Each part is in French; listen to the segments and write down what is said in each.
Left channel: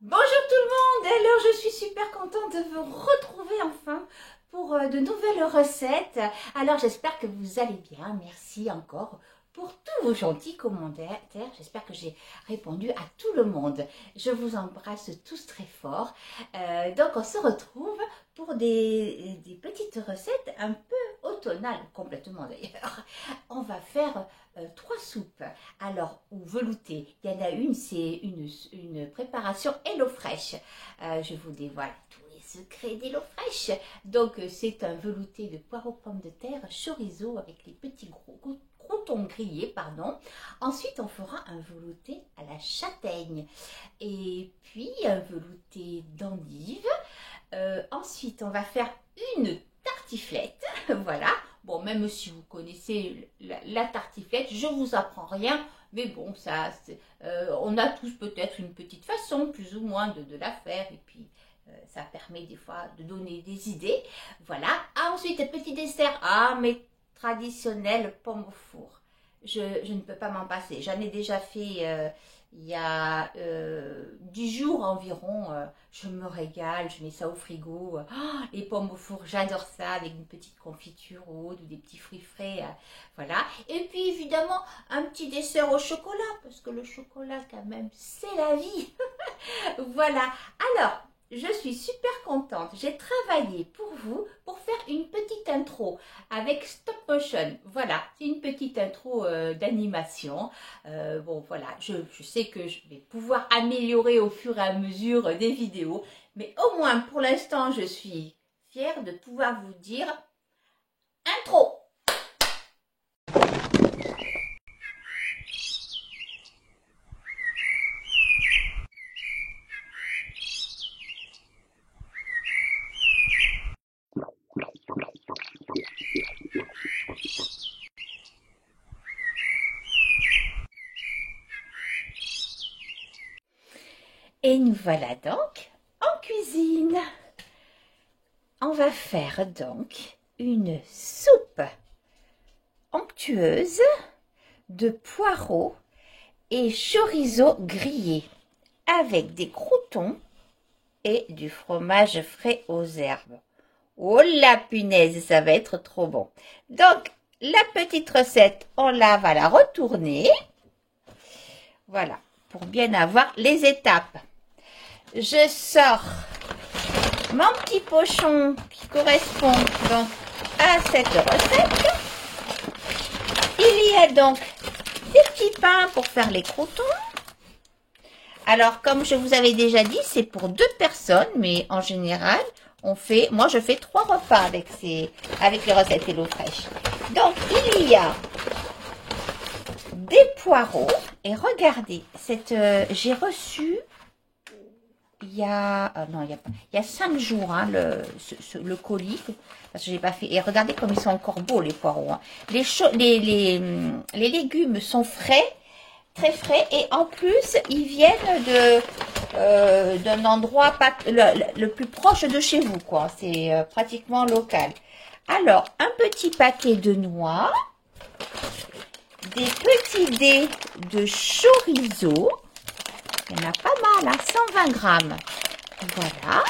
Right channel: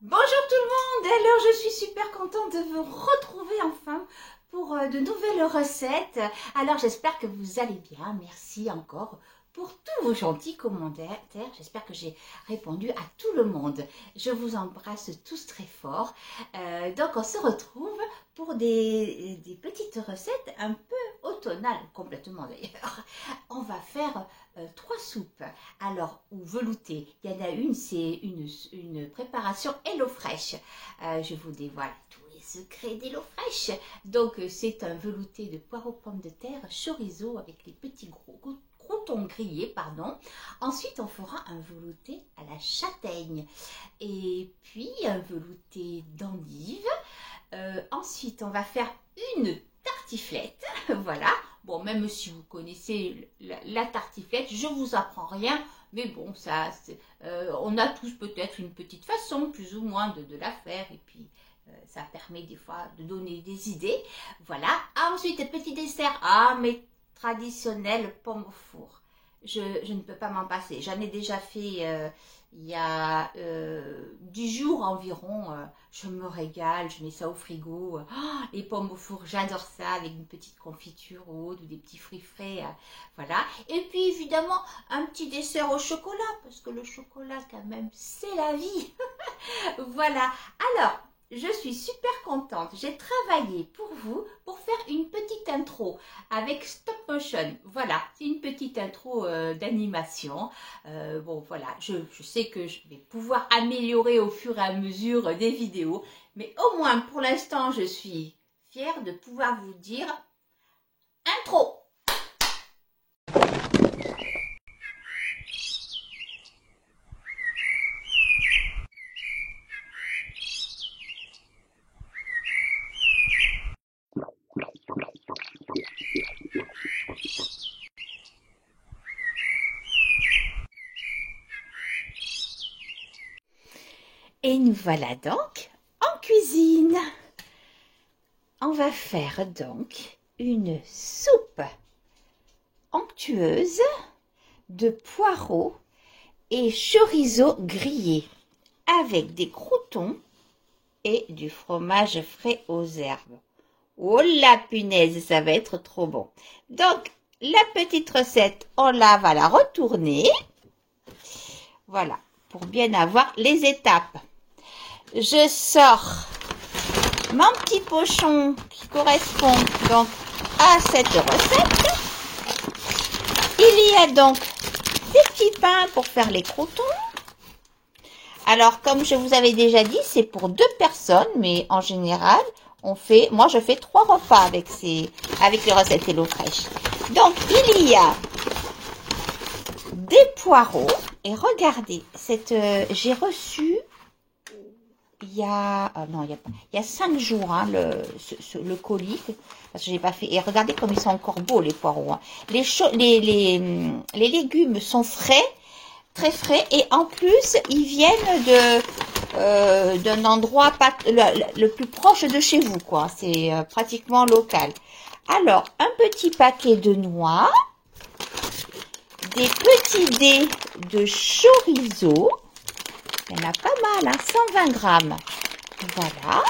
Bonjour tout le monde, alors je suis super contente de vous retrouver enfin pour de nouvelles recettes. Alors j'espère que vous allez bien, merci encore pour tous vos gentils commentaires. J'espère que j'ai répondu à tout le monde. Je vous embrasse tous très fort. Donc on se retrouve pour des petites recettes un peu automnales, complètement d'ailleurs. On va faire 3 soupes. Alors, ou veloutées. Il y en a une, c'est une préparation HelloFresh. Je vous dévoile tous les secrets d'HelloFresh. Donc, c'est un velouté de poireaux pommes de terre, chorizo avec les petits croûtons grillés, pardon. Ensuite, on fera un velouté à la châtaigne. Et puis, un velouté d'endive. Ensuite, on va faire une tartiflette. Voilà. Bon, même si vous connaissez la tartiflette, je ne vous apprends rien. Mais bon, ça, on a tous peut-être une petite façon, plus ou moins, de la faire. Et puis, ça permet des fois de donner des idées. Voilà. Ensuite, petit dessert. Ah, mais traditionnel, pommes au four. Je ne peux pas m'en passer. J'en ai déjà fait il y a 10 jours environ. Je me régale, je mets ça au frigo. Oh, les pommes au four, j'adore ça, avec une petite confiture haute ou des petits fruits frais. Voilà. Et puis évidemment, un petit dessert au chocolat, parce que le chocolat quand même, c'est la vie. Voilà. Alors, je suis super contente. J'ai travaillé pour vous pour faire une petite intro avec stop motion. Voilà, c'est une petite intro d'animation. Bon, voilà, je sais que je vais pouvoir améliorer au fur et à mesure des vidéos. Mais au moins, pour l'instant, je suis fière de pouvoir vous dire intro. Et nous voilà donc en cuisine. On va faire donc une soupe onctueuse de poireaux et chorizo grillé avec des croûtons et du fromage frais aux herbes. Oh la punaise, ça va être trop bon. Donc, la petite recette, on va la retourner. Voilà, pour bien avoir les étapes. Je sors mon petit pochon qui correspond donc à cette recette. Il y a donc des petits pains pour faire les croûtons. Alors, comme je vous avais déjà dit, c'est pour 2 personnes, mais en général, moi je fais 3 repas avec les recettes HelloFresh. Donc, il y a des poireaux. Et regardez, j'ai reçu il y a 5 jours hein, le colis, parce que j'ai pas fait. Et regardez comme ils sont encore beaux les poireaux. Hein. Les légumes sont frais, très frais, et en plus ils viennent d'un endroit le plus proche de chez vous, quoi. C'est pratiquement local. Alors, un petit paquet de noix, des petits dés de chorizo. Il y en a pas mal, hein, 120 grammes. Voilà.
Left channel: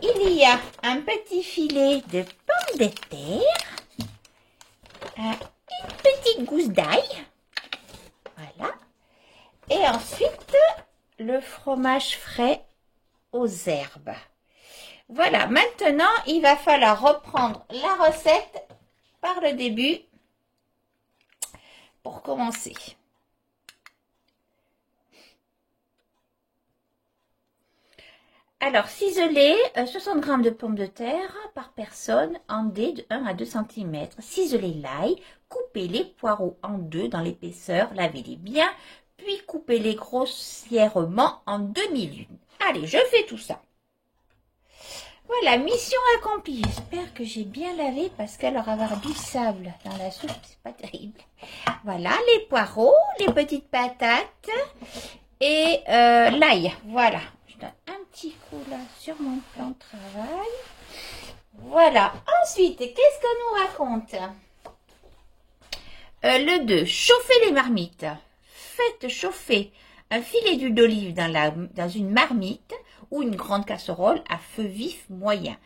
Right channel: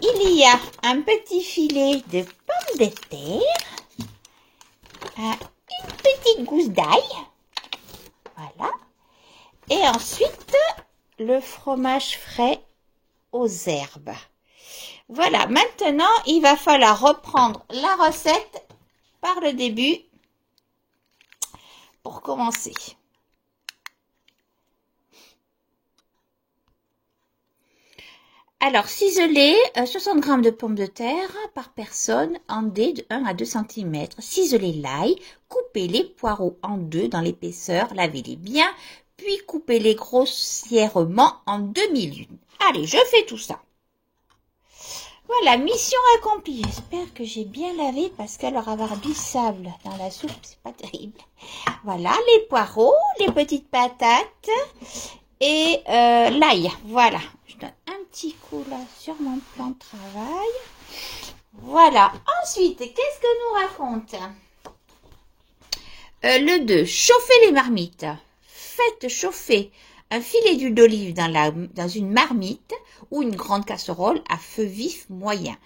Il y a un petit filet de pommes de terre. Une petite gousse d'ail. Voilà. Et ensuite, le fromage frais aux herbes. Voilà. Maintenant, il va falloir reprendre la recette par le début pour commencer. Alors, ciseler 60 g de pommes de terre par personne en dés de 1 à 2 cm. Ciseler l'ail, coupez les poireaux en 2 dans l'épaisseur, lavez-les bien, puis coupez-les grossièrement en demi-lune. Allez, je fais tout ça. Voilà, mission accomplie. J'espère que j'ai bien lavé parce qu'alors avoir du sable dans la soupe, c'est pas terrible. Voilà, les poireaux, les petites patates et l'ail. Voilà. Je donne un petit coup là sur mon plan de travail. Voilà. Ensuite, qu'est-ce que nous raconte le 2, chauffer les marmites. Faites chauffer un filet d'huile d'olive dans une marmite ou une grande casserole à feu vif moyen.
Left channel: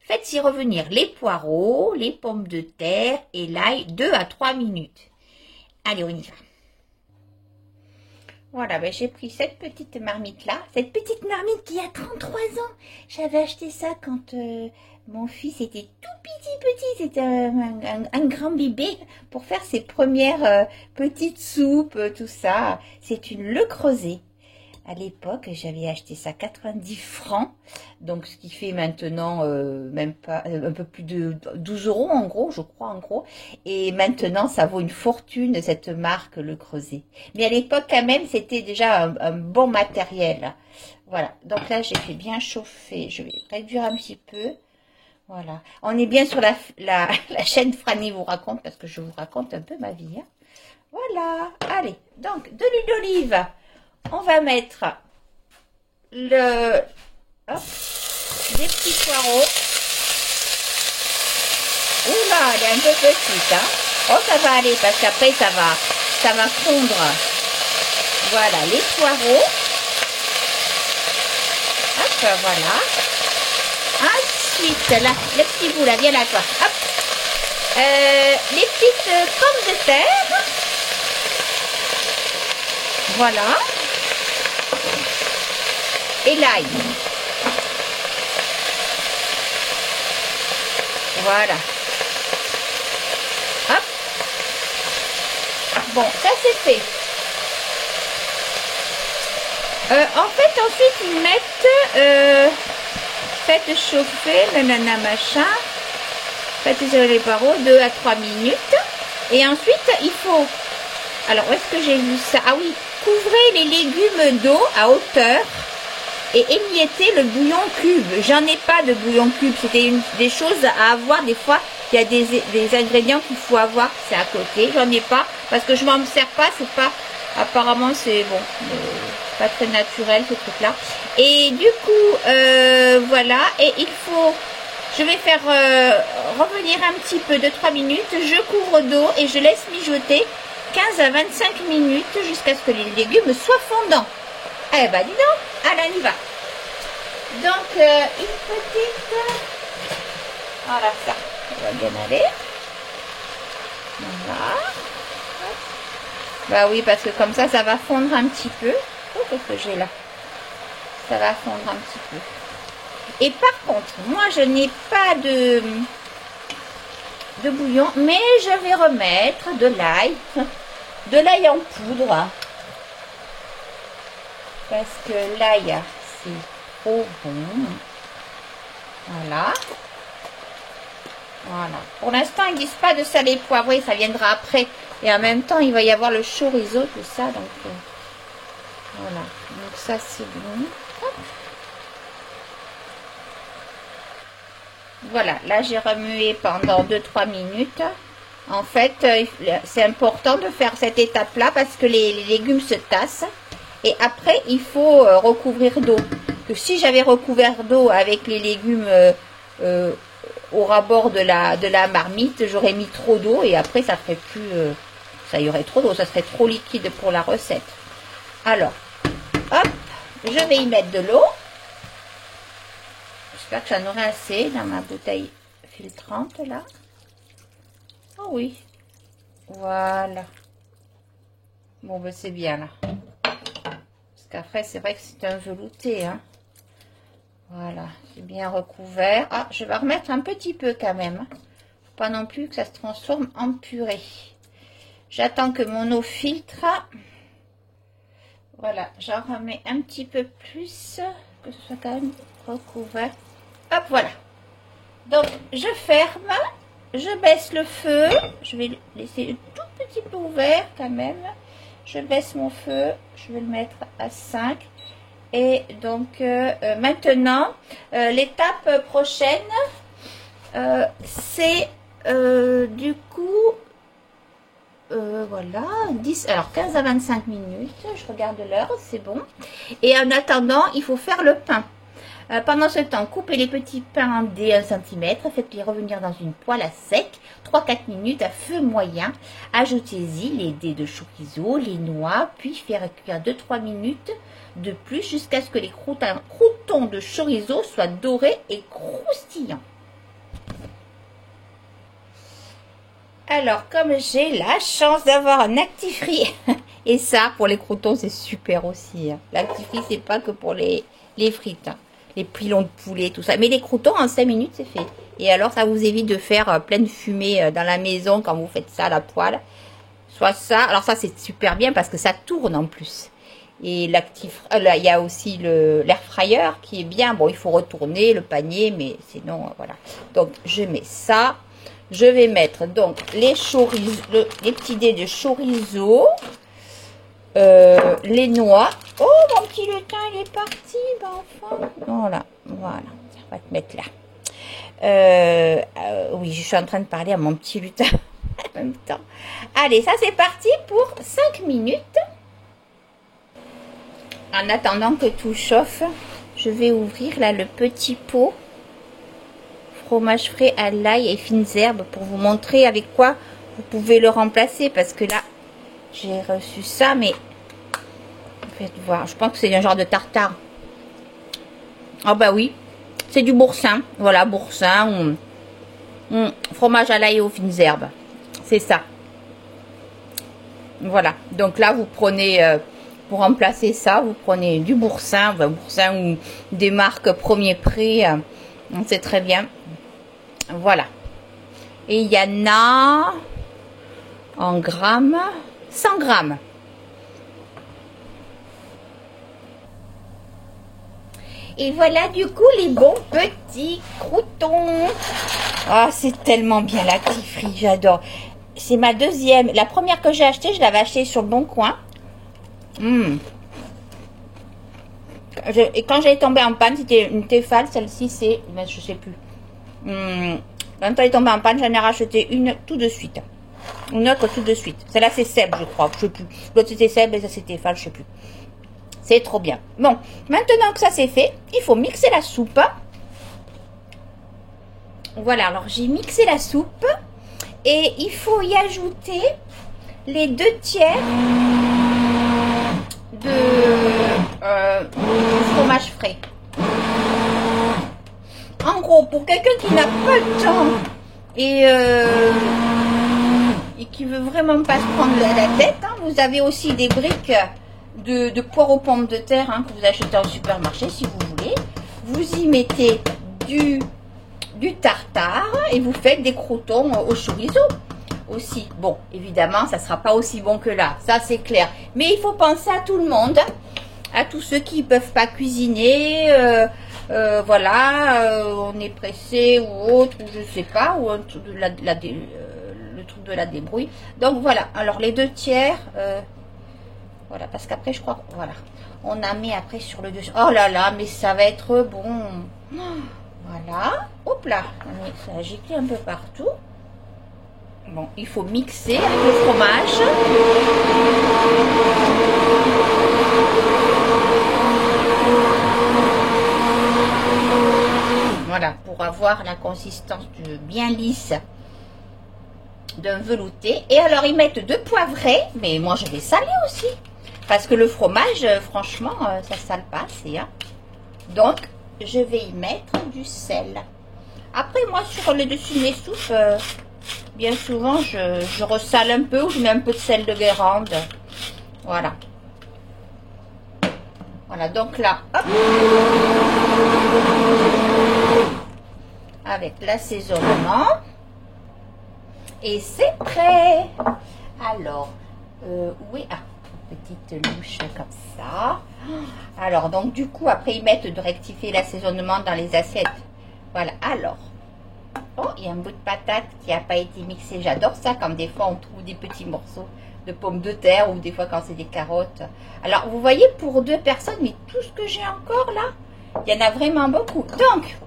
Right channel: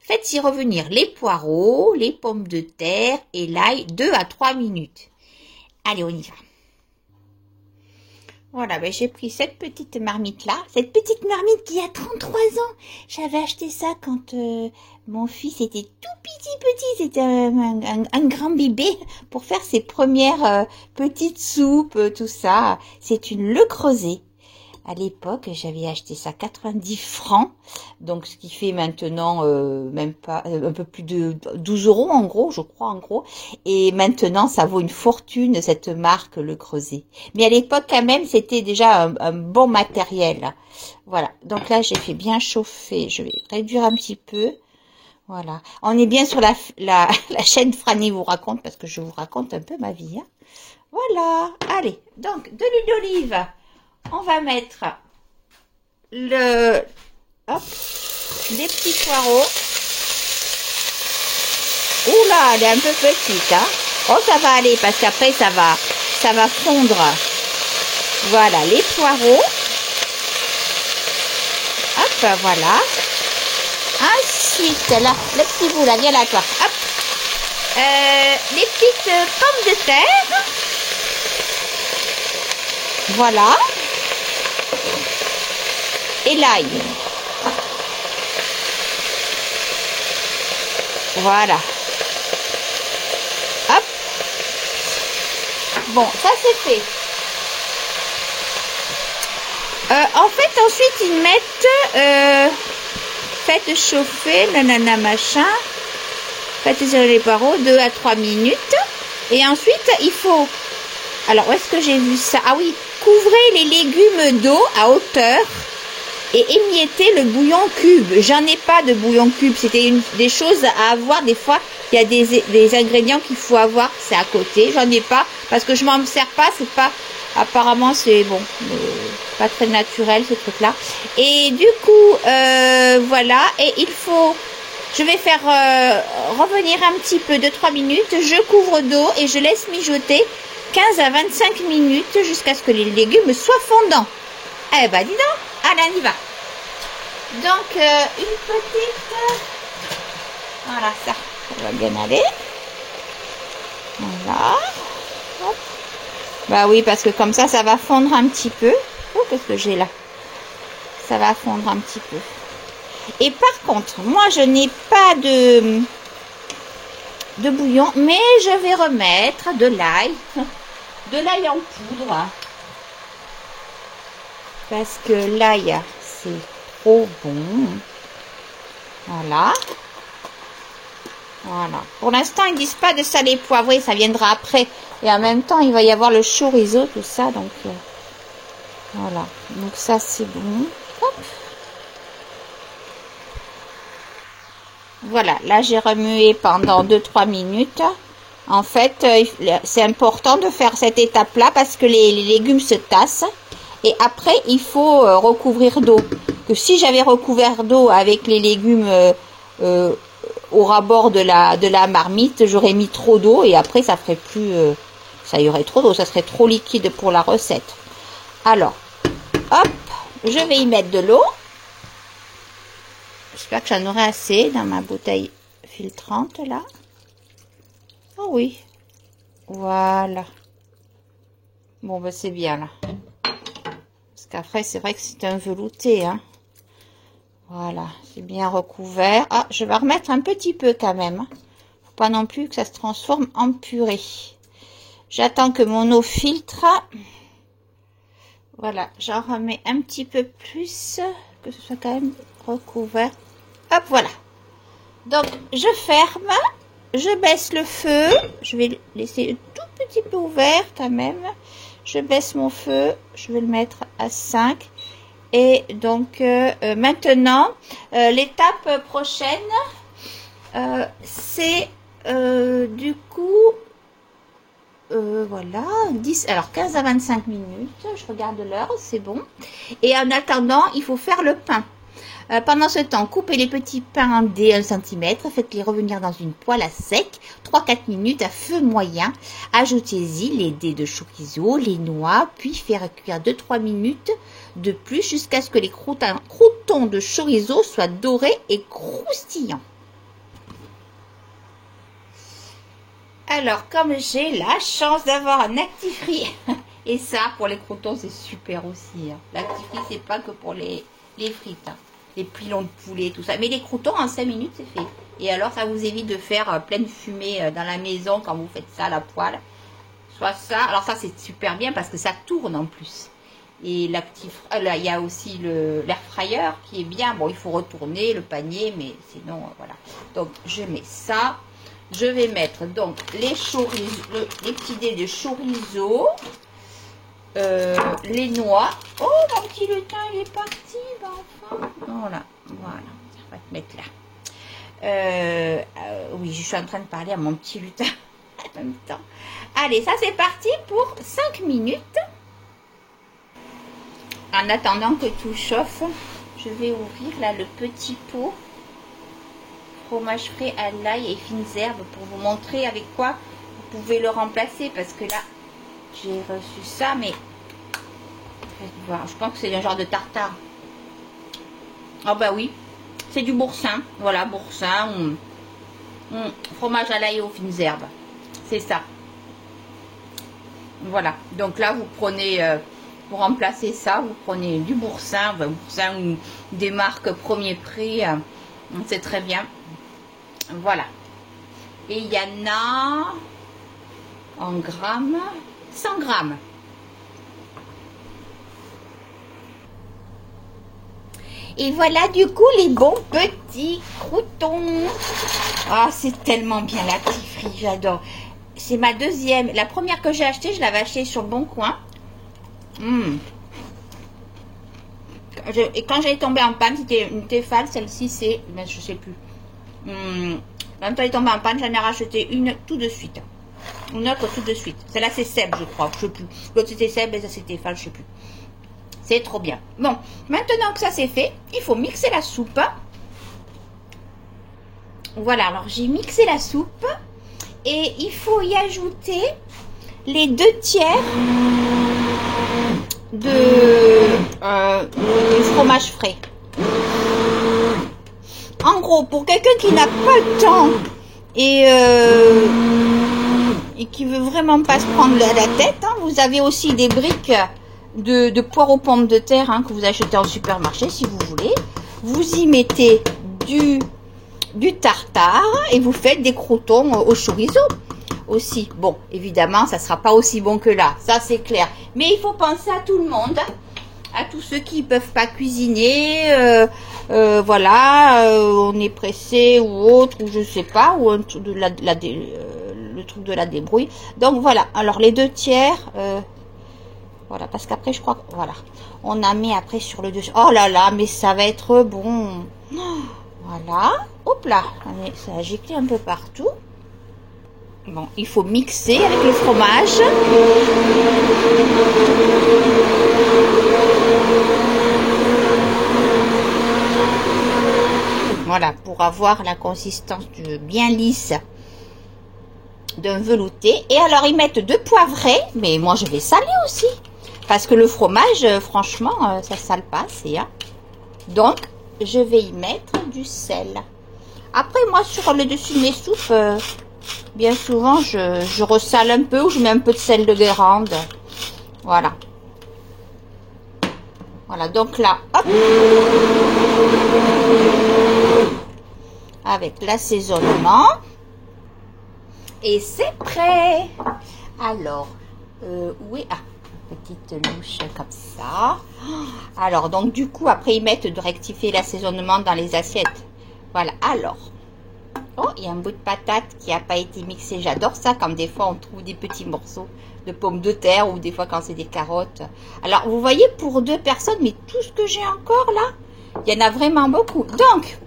Faites-y revenir les poireaux, les pommes de terre et l'ail 2 à 3 minutes. Allez, on y va. Voilà, ben j'ai pris cette petite marmite-là. Cette petite marmite qui a 33 ans. J'avais acheté ça quand mon fils était tout petit. C'était un grand bébé pour faire ses premières petites soupes, tout ça. C'est une Le Creuset. À l'époque, j'avais acheté ça 90 francs, donc ce qui fait maintenant même pas un peu plus de 12 € en gros, je crois en gros. Et maintenant, ça vaut une fortune cette marque Le Creuset. Mais à l'époque quand même, c'était déjà un bon matériel. Voilà. Donc là, j'ai fait bien chauffer. Je vais réduire un petit peu. Voilà. On est bien sur la chaîne Franny vous raconte parce que je vous raconte un peu ma vie. Hein. Voilà. Allez. Donc de l'huile d'olive. On va mettre des petits poireaux. Oula, elle est un peu petite, hein. Oh, ça va aller parce qu'après ça va fondre. Voilà, les poireaux. Hop, voilà. Ensuite, là, le petit bout là, viens là, toi. Hop. Les petites pommes de terre. Voilà. Et l'ail. Voilà. Hop. Bon, ça c'est fait. En fait, ensuite, ils mettent... faites chauffer, nanana, machin. Faites les poireaux 2 à 3 minutes. Et ensuite, il faut... Alors, où est-ce que j'ai vu ça? Ah oui, couvrez les légumes d'eau à hauteur. Et émiettez le bouillon cube. J'en ai pas de bouillon cube. C'était des choses à avoir. Des fois, il y a des ingrédients qu'il faut avoir. C'est à côté. J'en ai pas parce que je m'en sers pas. C'est pas. Apparemment, c'est bon. Pas très naturel ce truc-là. Et du coup, voilà. Et il faut. Je vais faire revenir un petit peu de 3 minutes. Je couvre d'eau et je laisse mijoter 15 à 25 minutes jusqu'à ce que les légumes soient fondants. Eh ben, dis donc. Allez, on y va. Donc, une petite... Voilà, ça va bien aller. Voilà. Hop. Bah oui, parce que comme ça va fondre un petit peu. Oh, qu'est-ce que j'ai là? Ça va fondre un petit peu. Et par contre, moi, je n'ai pas de bouillon, mais je vais remettre de l'ail. De l'ail en poudre. Parce que l'ail, c'est trop bon. Voilà. Voilà. Pour l'instant, ils disent pas de salé poivré, ça viendra après. Et en même temps, il va y avoir le chorizo, tout ça. Donc, voilà. Donc, ça, c'est bon. Hop. Voilà. Là, j'ai remué pendant 2-3 minutes. En fait, c'est important de faire cette étape-là parce que les légumes se tassent. Et après, il faut recouvrir d'eau. Que si j'avais recouvert d'eau avec les légumes au rabord de la marmite, j'aurais mis trop d'eau et après, ça ferait plus... ça y aurait trop d'eau, ça serait trop liquide pour la recette. Alors, hop, je vais y mettre de l'eau. J'espère que j'en aurai assez dans ma bouteille filtrante, là. Ah oui. Voilà. Bon, ben c'est bien, là. Qu'après c'est vrai que c'est un velouté, hein. Voilà, c'est bien recouvert. Ah, je vais remettre un petit peu quand même. Faut pas non plus que ça se transforme en purée. J'attends que mon eau filtre. Voilà, j'en remets un petit peu plus, que ce soit quand même recouvert. Hop, voilà. Donc, je ferme, je baisse le feu. Je vais laisser un tout petit peu ouvert quand même. Je baisse mon feu, je vais le mettre à 5. Et donc, maintenant, l'étape prochaine, c'est du coup, voilà, 15 à 25 minutes. Je regarde l'heure, c'est bon. Et en attendant, il faut faire le pain. Pendant ce temps, coupez les petits pains des 1 cm, faites-les revenir dans une poêle à sec, 3-4 minutes à feu moyen. Ajoutez-y les dés de chorizo, les noix, puis faire cuire 2-3 minutes de plus jusqu'à ce que les croûtons de chorizo soient dorés et croustillants. Alors, comme j'ai la chance d'avoir un actifrice, et ça, pour les croûtons, c'est super aussi. L'actifrice, c'est pas que pour les frites. Les pilons de poulet, tout ça. Mais les croûtons, en 5 minutes, c'est fait. Et alors, ça vous évite de faire plein de fumée dans la maison quand vous faites ça à la poêle. Soit ça. Alors ça, c'est super bien parce que ça tourne en plus. Et il y a aussi l'air fryer qui est bien. Bon, il faut retourner le panier, mais sinon, voilà. Donc, je mets ça. Je vais mettre donc les petits dés de chorizo. Les noix. Oh, mon petit lutin, il est parti, l'enfant. Voilà, voilà. On va te mettre là. Oui, je suis en train de parler à mon petit lutin en même temps. Allez, ça c'est parti pour 5 minutes. En attendant que tout chauffe, je vais ouvrir là le petit pot fromage frais à l'ail et fines herbes pour vous montrer avec quoi vous pouvez le remplacer. Parce que là, j'ai reçu ça, mais faites voir, je pense que c'est un genre de tartare. Ah bah oui, c'est du boursin. Voilà, boursin ou fromage à l'ail et aux fines herbes. C'est ça. Voilà, donc là vous prenez, pour remplacer ça, vous prenez du boursin, ou des marques premier prix, c'est très bien. Voilà. Et il y en a en grammes, 100 grammes. Et voilà du coup les bons petits croûtons. Ah, c'est tellement bien la l'actifrice, j'adore. C'est ma deuxième. La première que j'ai achetée, je l'avais achetée sur le Bon Coin. Et quand j'ai tombé en panne, c'était une Tefal. Celle-ci, c'est, ben, je sais plus. Quand elle est tombée en panne, j'en ai racheté une tout de suite. Une autre tout de suite. Celle-là, c'est Seb, je crois. Je sais plus. L'autre, c'était Seb et ça, c'était Tefal, je sais plus. C'est trop bien. Bon, maintenant que ça c'est fait, il faut mixer la soupe. Voilà, alors j'ai mixé la soupe. Et il faut y ajouter les 2 tiers de fromage frais. En gros, pour quelqu'un qui n'a pas le temps et qui veut vraiment pas se prendre la tête, hein, vous avez aussi des briques de poire aux pommes de terre que vous achetez en supermarché si vous voulez. Vous y mettez du tartare et vous faites des croûtons au chorizo aussi. Bon, évidemment, ça sera pas aussi bon que là, ça c'est clair. Mais il faut penser à tout le monde, à tous ceux qui peuvent pas cuisiner, voilà, on est pressé ou autre, ou je sais pas, ou le truc de la débrouille. Donc voilà, alors les 2 tiers, voilà, parce qu'après je crois que, voilà, on en met après sur le dessus. Oh là là, mais ça va être bon. Voilà, hop là, ça a giclé un peu partout. Bon, il faut mixer avec le fromage. Voilà, pour avoir la consistance bien lisse d'un velouté. Et alors, ils mettent 2 poivrés, mais moi, je vais saler aussi. Parce que le fromage, franchement, ça sale pas assez. Hein. Donc, je vais y mettre du sel. Après, moi, sur le dessus de mes soupes, bien souvent, je ressale un peu ou je mets un peu de sel de Guérande. Voilà. Voilà, donc là, hop. Avec l'assaisonnement. Et c'est prêt. Alors, oui, petite louche comme ça. Alors, donc du coup, après, ils mettent de rectifier l'assaisonnement dans les assiettes. Voilà, alors. Oh, il y a un bout de patate qui n'a pas été mixé. J'adore ça, quand des fois, on trouve des petits morceaux de pommes de terre ou des fois quand c'est des carottes. Alors, vous voyez, pour 2 personnes, mais tout ce que j'ai encore là, il y en a vraiment beaucoup. Donc,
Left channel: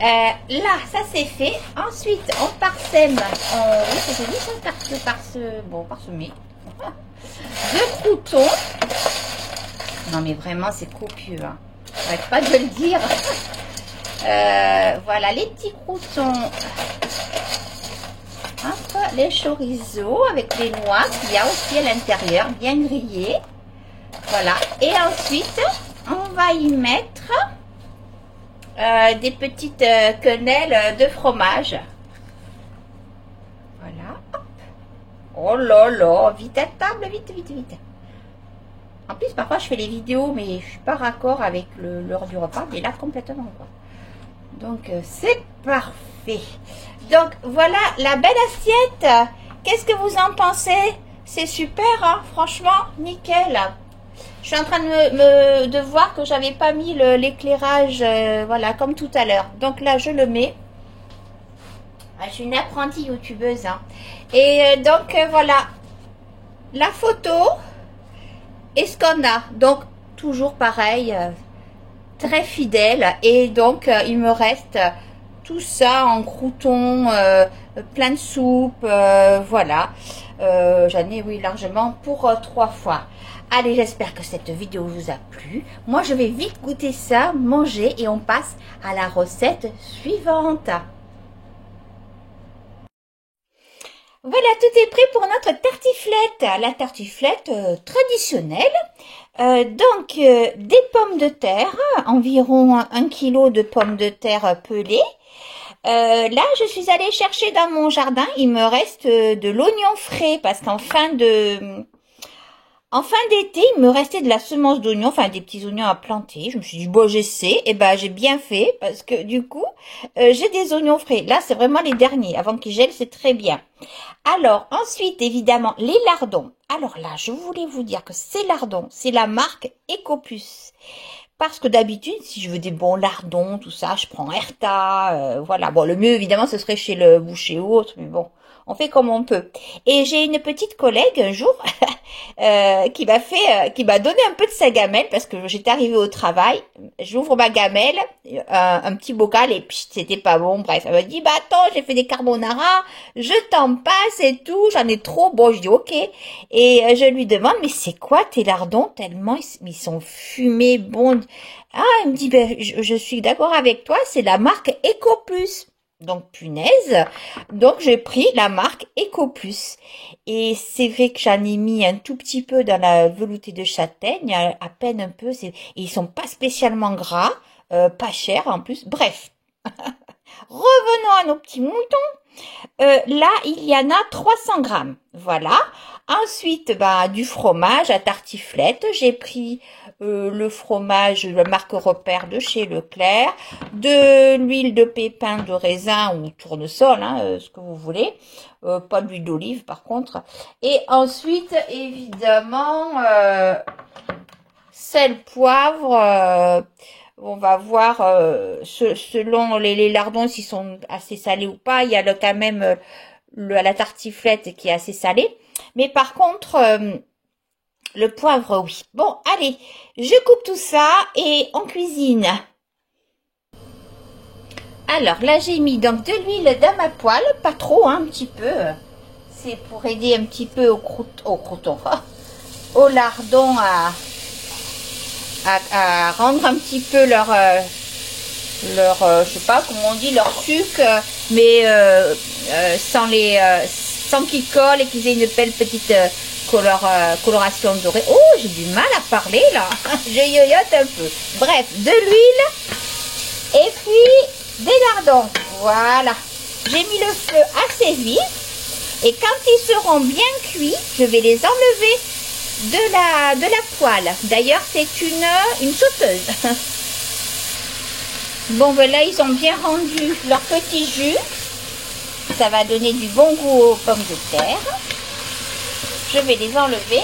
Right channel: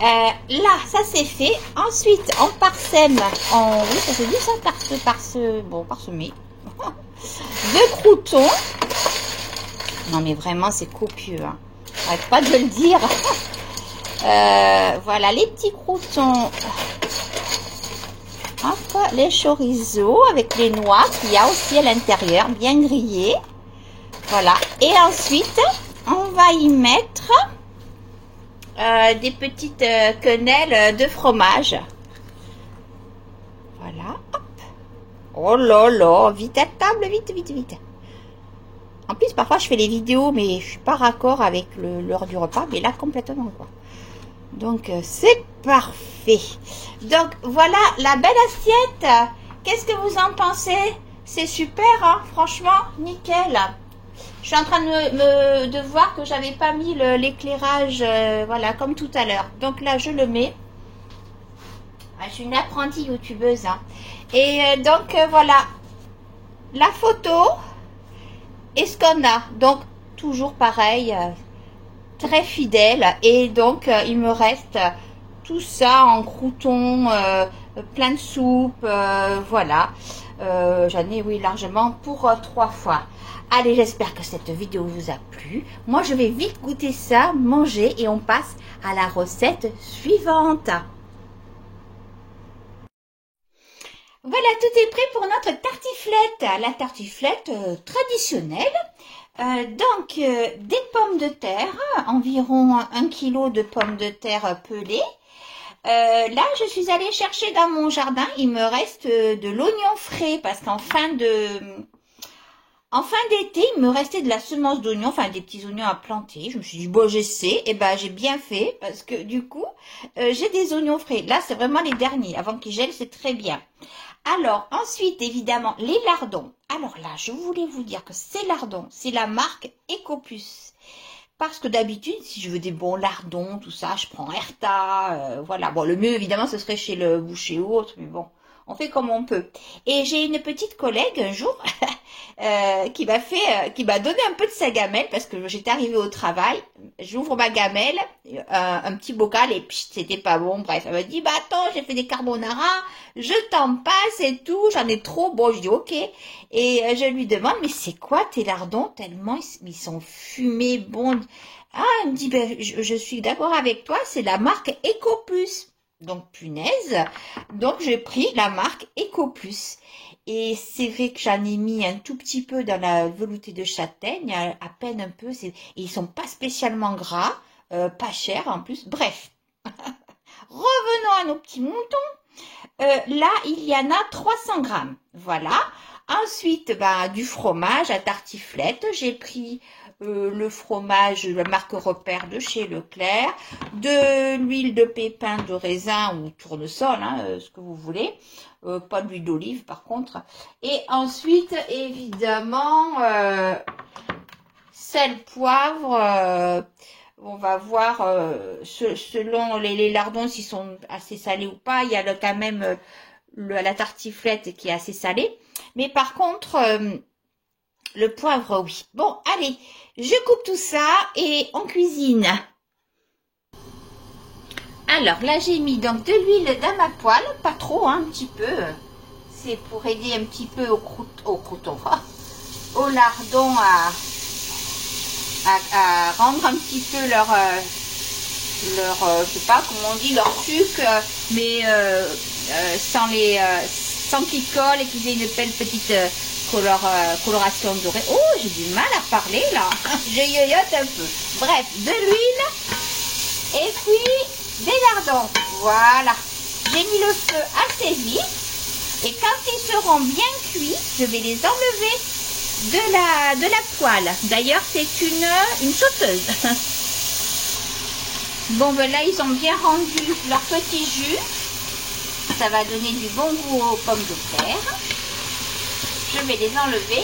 là, ça c'est fait. Ensuite, on parsème. Oui, ça se dit ça, parsemé. 2 croûtons. Non, mais vraiment, c'est copieux. Hein. J'arrête pas de le dire. Voilà, les petits croûtons. Hop, les chorizo avec les noix qu'il y a aussi à l'intérieur, bien grillées. Voilà. Et ensuite, on va y mettre des petites quenelles de fromage. Voilà. Hop. Oh là là, vite à table, vite, vite, vite. En plus, parfois, je fais les vidéos, mais je suis pas raccord avec l'heure du repas, mais là, complètement, quoi. Donc, c'est parfait. Donc, voilà la belle assiette. Qu'est-ce que vous en pensez? C'est super, hein? Franchement, nickel. Je suis en train de voir que j'avais pas mis l'éclairage, voilà, comme tout à l'heure. Donc là, je le mets. Ah, je suis une apprentie youtubeuse, hein. Et donc, voilà, la photo et ce qu'on a. Donc, toujours pareil, très fidèle. Et donc, il me reste tout ça en croûtons, plein de soupe, voilà. J'en ai, oui, largement pour 3 fois. Allez, j'espère que cette vidéo vous a plu. Moi, je vais vite goûter ça, manger et on passe à la recette suivante. Voilà, tout est prêt pour notre tartiflette. La tartiflette traditionnelle. Donc, des pommes de terre, environ 1 kg de pommes de terre pelées. Là, je suis allée chercher dans mon jardin, il me reste de l'oignon frais parce qu'en fin d'été, il me restait de la semence d'oignon, enfin des petits oignons à planter. Je me suis dit, bon, j'essaie. Et ben, j'ai bien fait parce que du coup, j'ai des oignons frais. Là, c'est vraiment les derniers. Avant qu'ils gèlent, c'est très bien. Alors, ensuite, évidemment, les lardons. Alors là, je voulais vous dire que ces lardons, c'est la marque Ecopus. Parce que d'habitude, si je veux des bons lardons, tout ça, je prends Erta, voilà. Bon, le mieux, évidemment, ce serait chez le boucher ou autre, mais bon, on fait comme on peut. Et j'ai une petite collègue, un jour, qui m'a donné un peu de sa gamelle, parce que j'étais arrivée au travail, j'ouvre ma gamelle, un petit bocal, et puis c'était pas bon, bref. Elle m'a dit, bah attends, j'ai fait des carbonara, je t'en passe et tout, j'en ai trop, bon, je dis ok. Et je lui demande, mais c'est quoi tes lardons, tellement ils sont fumés, bons. Ah, elle me dit, ben, je suis d'accord avec toi, c'est la marque Ecopus. Donc, punaise. Donc, j'ai pris la marque Ecopus. Et c'est vrai que j'en ai mis un tout petit peu dans la velouté de châtaigne, à peine un peu. Et ils sont pas spécialement gras, pas chers en plus. Bref. Revenons à nos petits moutons. Là, il y en a 300 grammes. Voilà. Ensuite, bah, du fromage à tartiflette. J'ai pris le fromage, la marque Repère de chez Leclerc, de l'huile de pépins de raisin ou tournesol, hein, ce que vous voulez. Pas d'huile d'olive par contre. Et ensuite, évidemment, sel, poivre. On va voir selon les lardons s'ils sont assez salés ou pas. Il y a quand même la tartiflette qui est assez salée. Mais par contre, le poivre, oui. Bon, allez, je coupe tout ça et on cuisine. Alors, là, j'ai mis donc de l'huile dans ma poêle. Pas trop, hein, un petit peu. C'est pour aider un petit peu au crouton, au lardon à rendre un petit peu leur je sais pas comment on dit, leur sucre, mais sans qu'ils collent et qu'ils aient une belle petite coloration dorée. Oh, j'ai du mal à parler là, je yoyote un peu. Bref, de l'huile et puis des lardons. Voilà, j'ai mis le feu assez vite et quand ils seront bien cuits, je vais les enlever de la poêle. D'ailleurs, c'est une sauteuse. Bon, ben là, ils ont bien rendu leur petit jus. Ça va donner du bon goût aux pommes de terre. Je vais les enlever.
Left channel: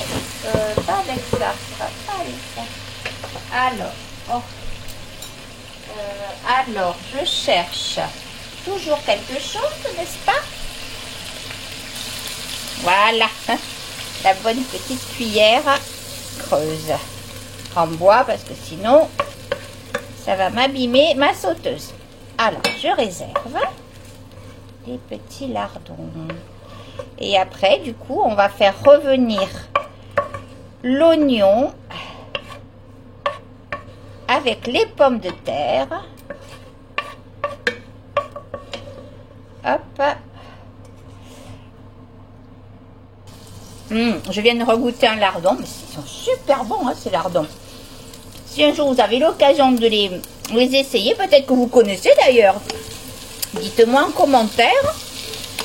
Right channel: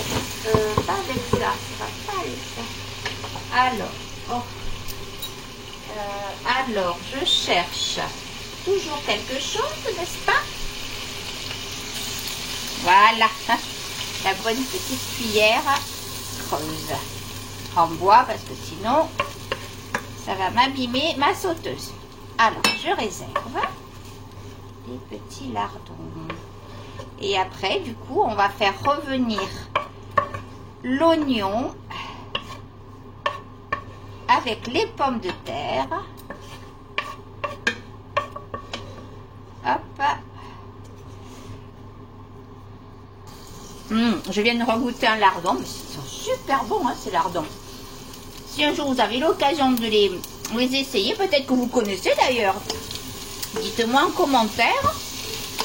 Pas avec ça. Ça va pas avec ça. Alors, je cherche toujours quelque chose, n'est-ce pas? Voilà. La bonne petite cuillère creuse en bois parce que sinon ça va m'abîmer ma sauteuse. Alors je réserve les petits lardons et après du coup on va faire revenir l'oignon avec les pommes de terre. Hop. Je viens de regoûter un lardon, mais ils sont super bons, hein, ces lardons. Si un jour vous avez l'occasion de les essayer, peut-être que vous connaissez d'ailleurs, dites-moi en commentaire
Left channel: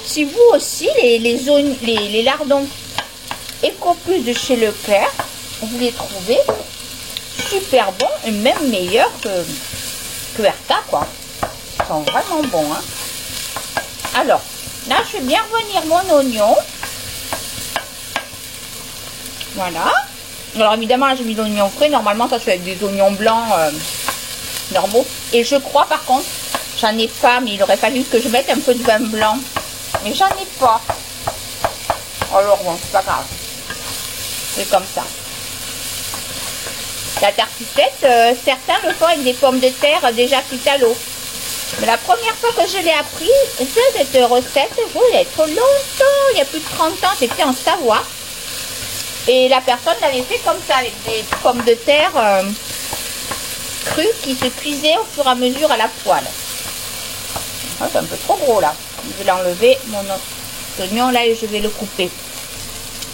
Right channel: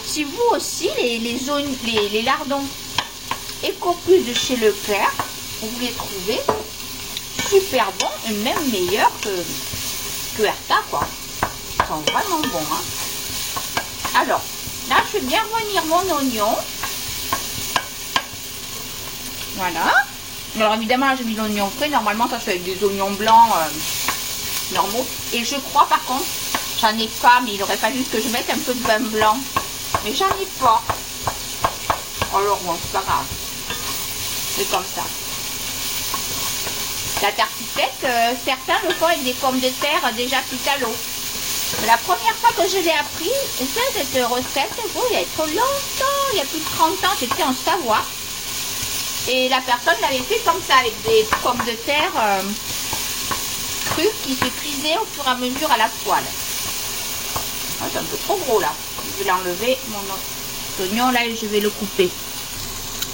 si vous aussi les lardons Ecoplus de chez Leclerc, vous les trouvez super bons et même meilleurs que Erta, quoi. Ils sont vraiment bons, hein. Alors, là, je fais bien revenir mon oignon. Voilà. Alors, évidemment, j'ai mis l'oignon frais. Normalement, ça se fait avec des oignons blancs normaux. Et je crois, par contre, j'en ai pas, mais il aurait fallu que je mette un peu de vin blanc. Mais j'en ai pas. Alors, bon, c'est pas grave. C'est comme ça. La tartiflette, certains le font avec des pommes de terre déjà cuites à l'eau. Mais la première fois que je l'ai appris, cette recette, il faut y être longtemps, il y a plus de 30 ans, c'était en Savoie. Et la personne l'avait fait comme ça, avec des pommes de terre crues qui se cuisaient au fur et à mesure à la poêle. Oh, c'est un peu trop gros là. Je vais l'enlever, mon oignon là, et je vais le couper.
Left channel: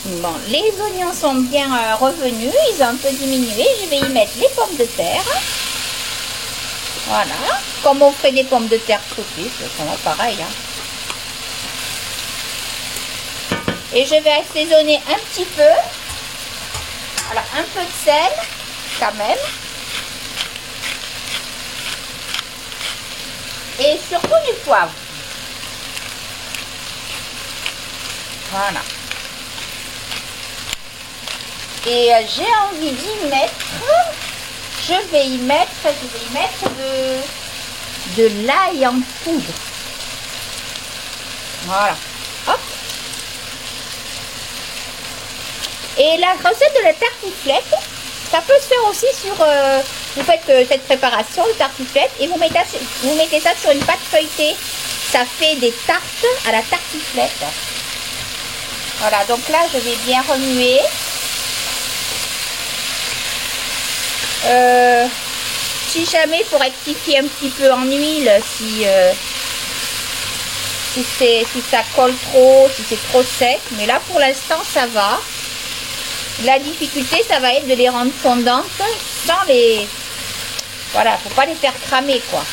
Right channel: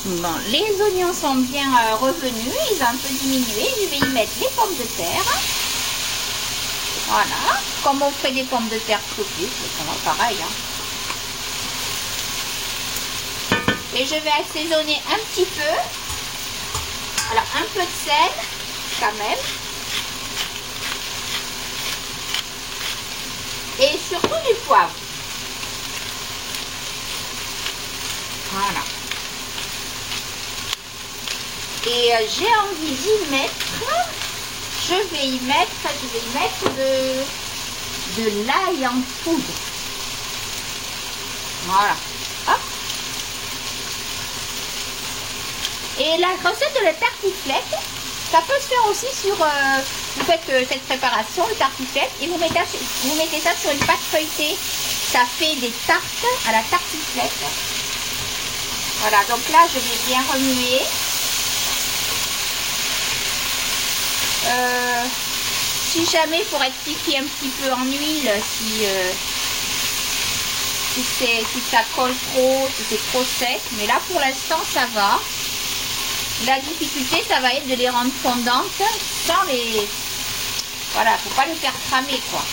Bon, les oignons sont bien revenus, ils ont un peu diminué. Je vais y mettre les pommes de terre. Voilà, comme on fait des pommes de terre saucisses, c'est vraiment pareil. Hein. Et je vais assaisonner un petit peu. Voilà, un peu de sel, quand même. Et surtout du poivre. Voilà. Et j'ai envie d'y mettre, je vais y mettre de l'ail en poudre. Voilà. Hop. Et la recette de la tartiflette, ça peut se faire aussi sur, vous faites cette préparation de tartiflette et vous mettez ça sur une pâte feuilletée. Ça fait des tartes à la tartiflette. Voilà, donc là je vais bien remuer. Si jamais il faut rectifier un petit peu en huile, si ça colle trop, si c'est trop sec, mais là pour l'instant ça va. La difficulté ça va être de les rendre fondantes sans les... Voilà, faut pas les faire cramer quoi.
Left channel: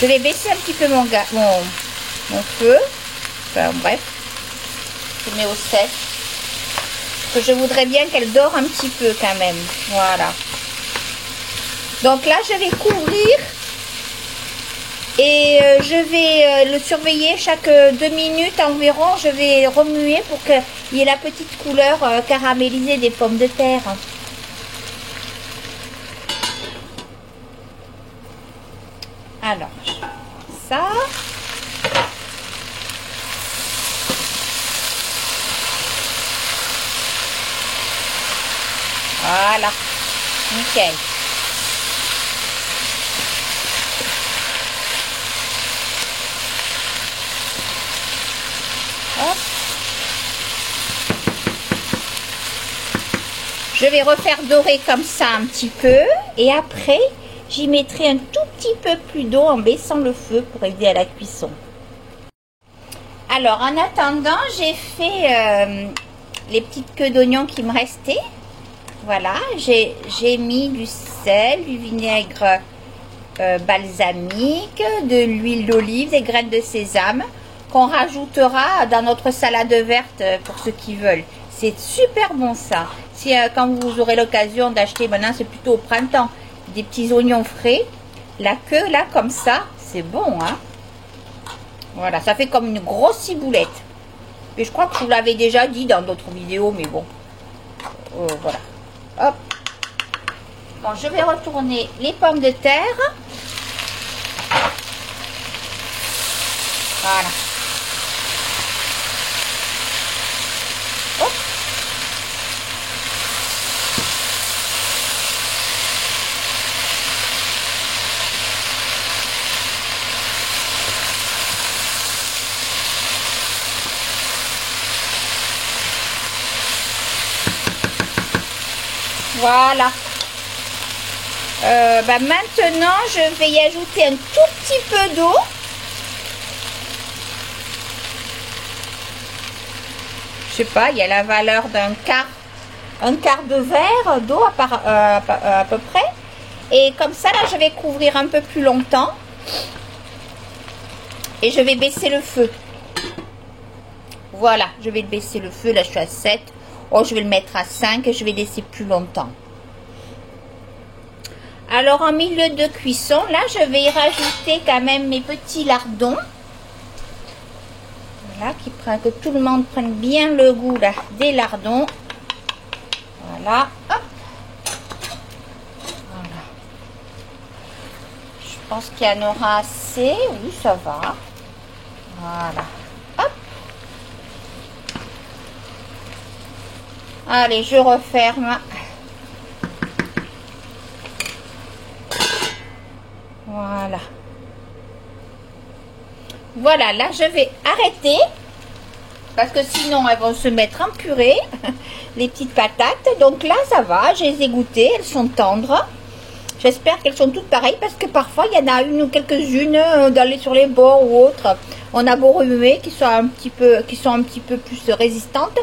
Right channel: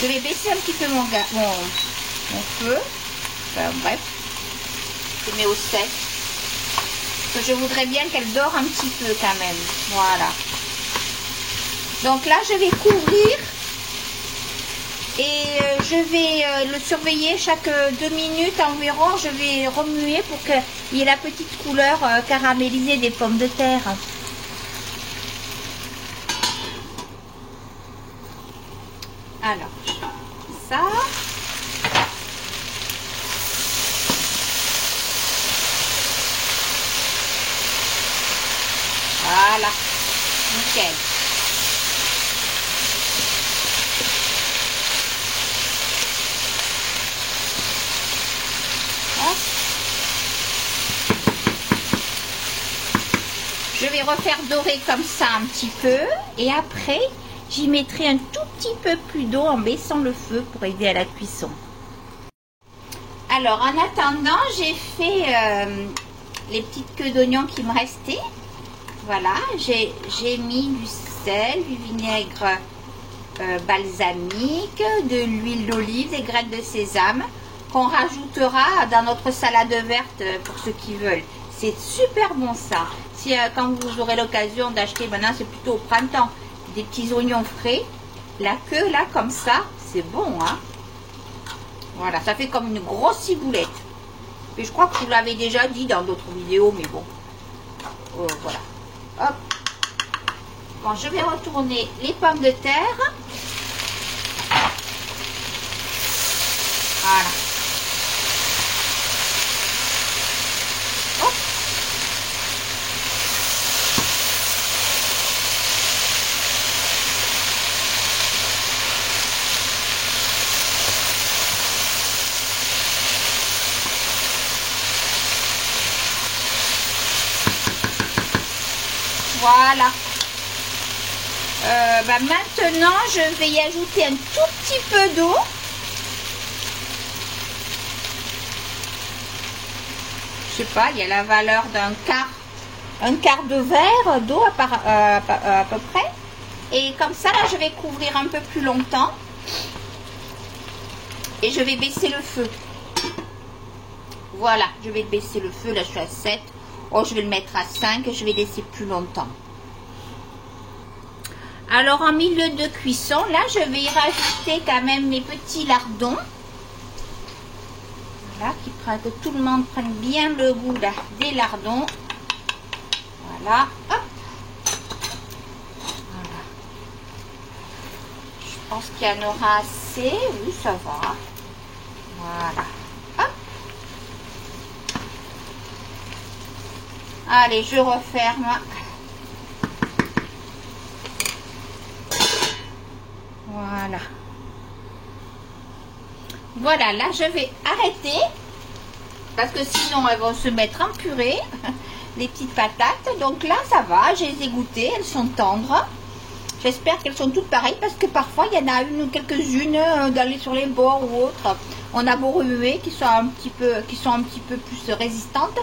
Je vais baisser un petit peu mon feu. Enfin bref, je mets au sec. Je voudrais bien qu'elle dore un petit peu quand même. Voilà. Donc là, je vais couvrir et je vais le surveiller chaque 2 minutes environ. Je vais remuer pour qu'il y ait la petite couleur caramélisée des pommes de terre. Alors, ça... Voilà, nickel. Hop. Je vais refaire dorer comme ça un petit peu et après j'y mettrai un tout petit peu plus d'eau en baissant le feu pour aider à la cuisson. Alors en attendant, j'ai fait les petites queues d'oignons qui me restaient. Voilà, j'ai mis du sel, du vinaigre balsamique, de l'huile d'olive, des graines de sésame qu'on rajoutera dans notre salade verte pour ceux qui veulent. C'est super bon ça. Si quand vous aurez l'occasion d'acheter, maintenant c'est plutôt au printemps, des petits oignons frais, la queue là comme ça, c'est bon hein. Voilà, ça fait comme une grosse ciboulette. Et je crois que je vous l'avais déjà dit dans d'autres vidéos, mais bon. Voilà. Hop. Bon, je vais retourner les pommes de terre. Voilà. Hop. Voilà. Maintenant, je vais y ajouter un tout petit peu d'eau. Je sais pas, il y a la valeur d'un quart de verre d'eau à peu près. Et comme ça, là, je vais couvrir un peu plus longtemps. Et je vais baisser le feu. Voilà, je vais baisser le feu. Là, je suis à 7. Oh, je vais le mettre à 5 et je vais laisser plus longtemps. Alors, en milieu de cuisson, là, je vais y rajouter quand même mes petits lardons. Voilà, que tout le monde prenne bien le goût là, des lardons. Voilà. Hop. Voilà. Je pense qu'il y en aura assez. Oui, ça va. Voilà. Hop. Allez, je referme. Voilà. Voilà, là je vais arrêter parce que sinon elles vont se mettre en purée, les petites patates. Donc là ça va, je les ai goûtées, elles sont tendres. J'espère qu'elles sont toutes pareilles parce que parfois il y en a une ou quelques-unes d'aller sur les bords ou autres. On a beau remuer qui sont un petit peu plus résistantes.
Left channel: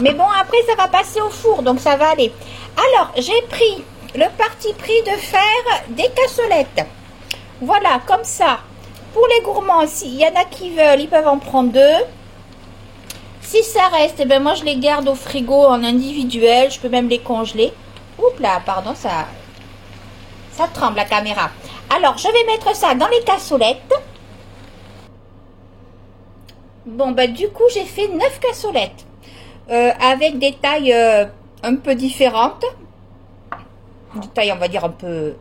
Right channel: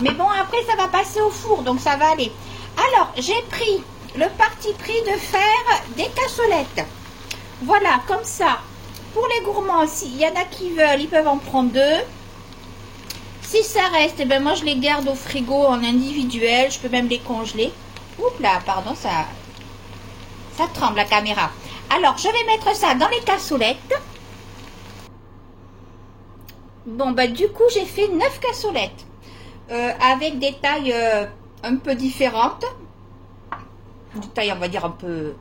Mais bon, après ça va passer au four, donc ça va aller. Alors j'ai pris le parti pris de faire des cassolettes. Voilà, comme ça. Pour les gourmands, s'il y en a qui veulent, ils peuvent en prendre 2. Si ça reste, eh ben moi je les garde au frigo en individuel. Je peux même les congeler. Oups là, pardon, ça tremble la caméra. Alors, je vais mettre ça dans les cassolettes. Bon, bah du coup, j'ai fait 9 cassolettes. Avec des tailles un peu différentes. Des tailles, on va dire, un peu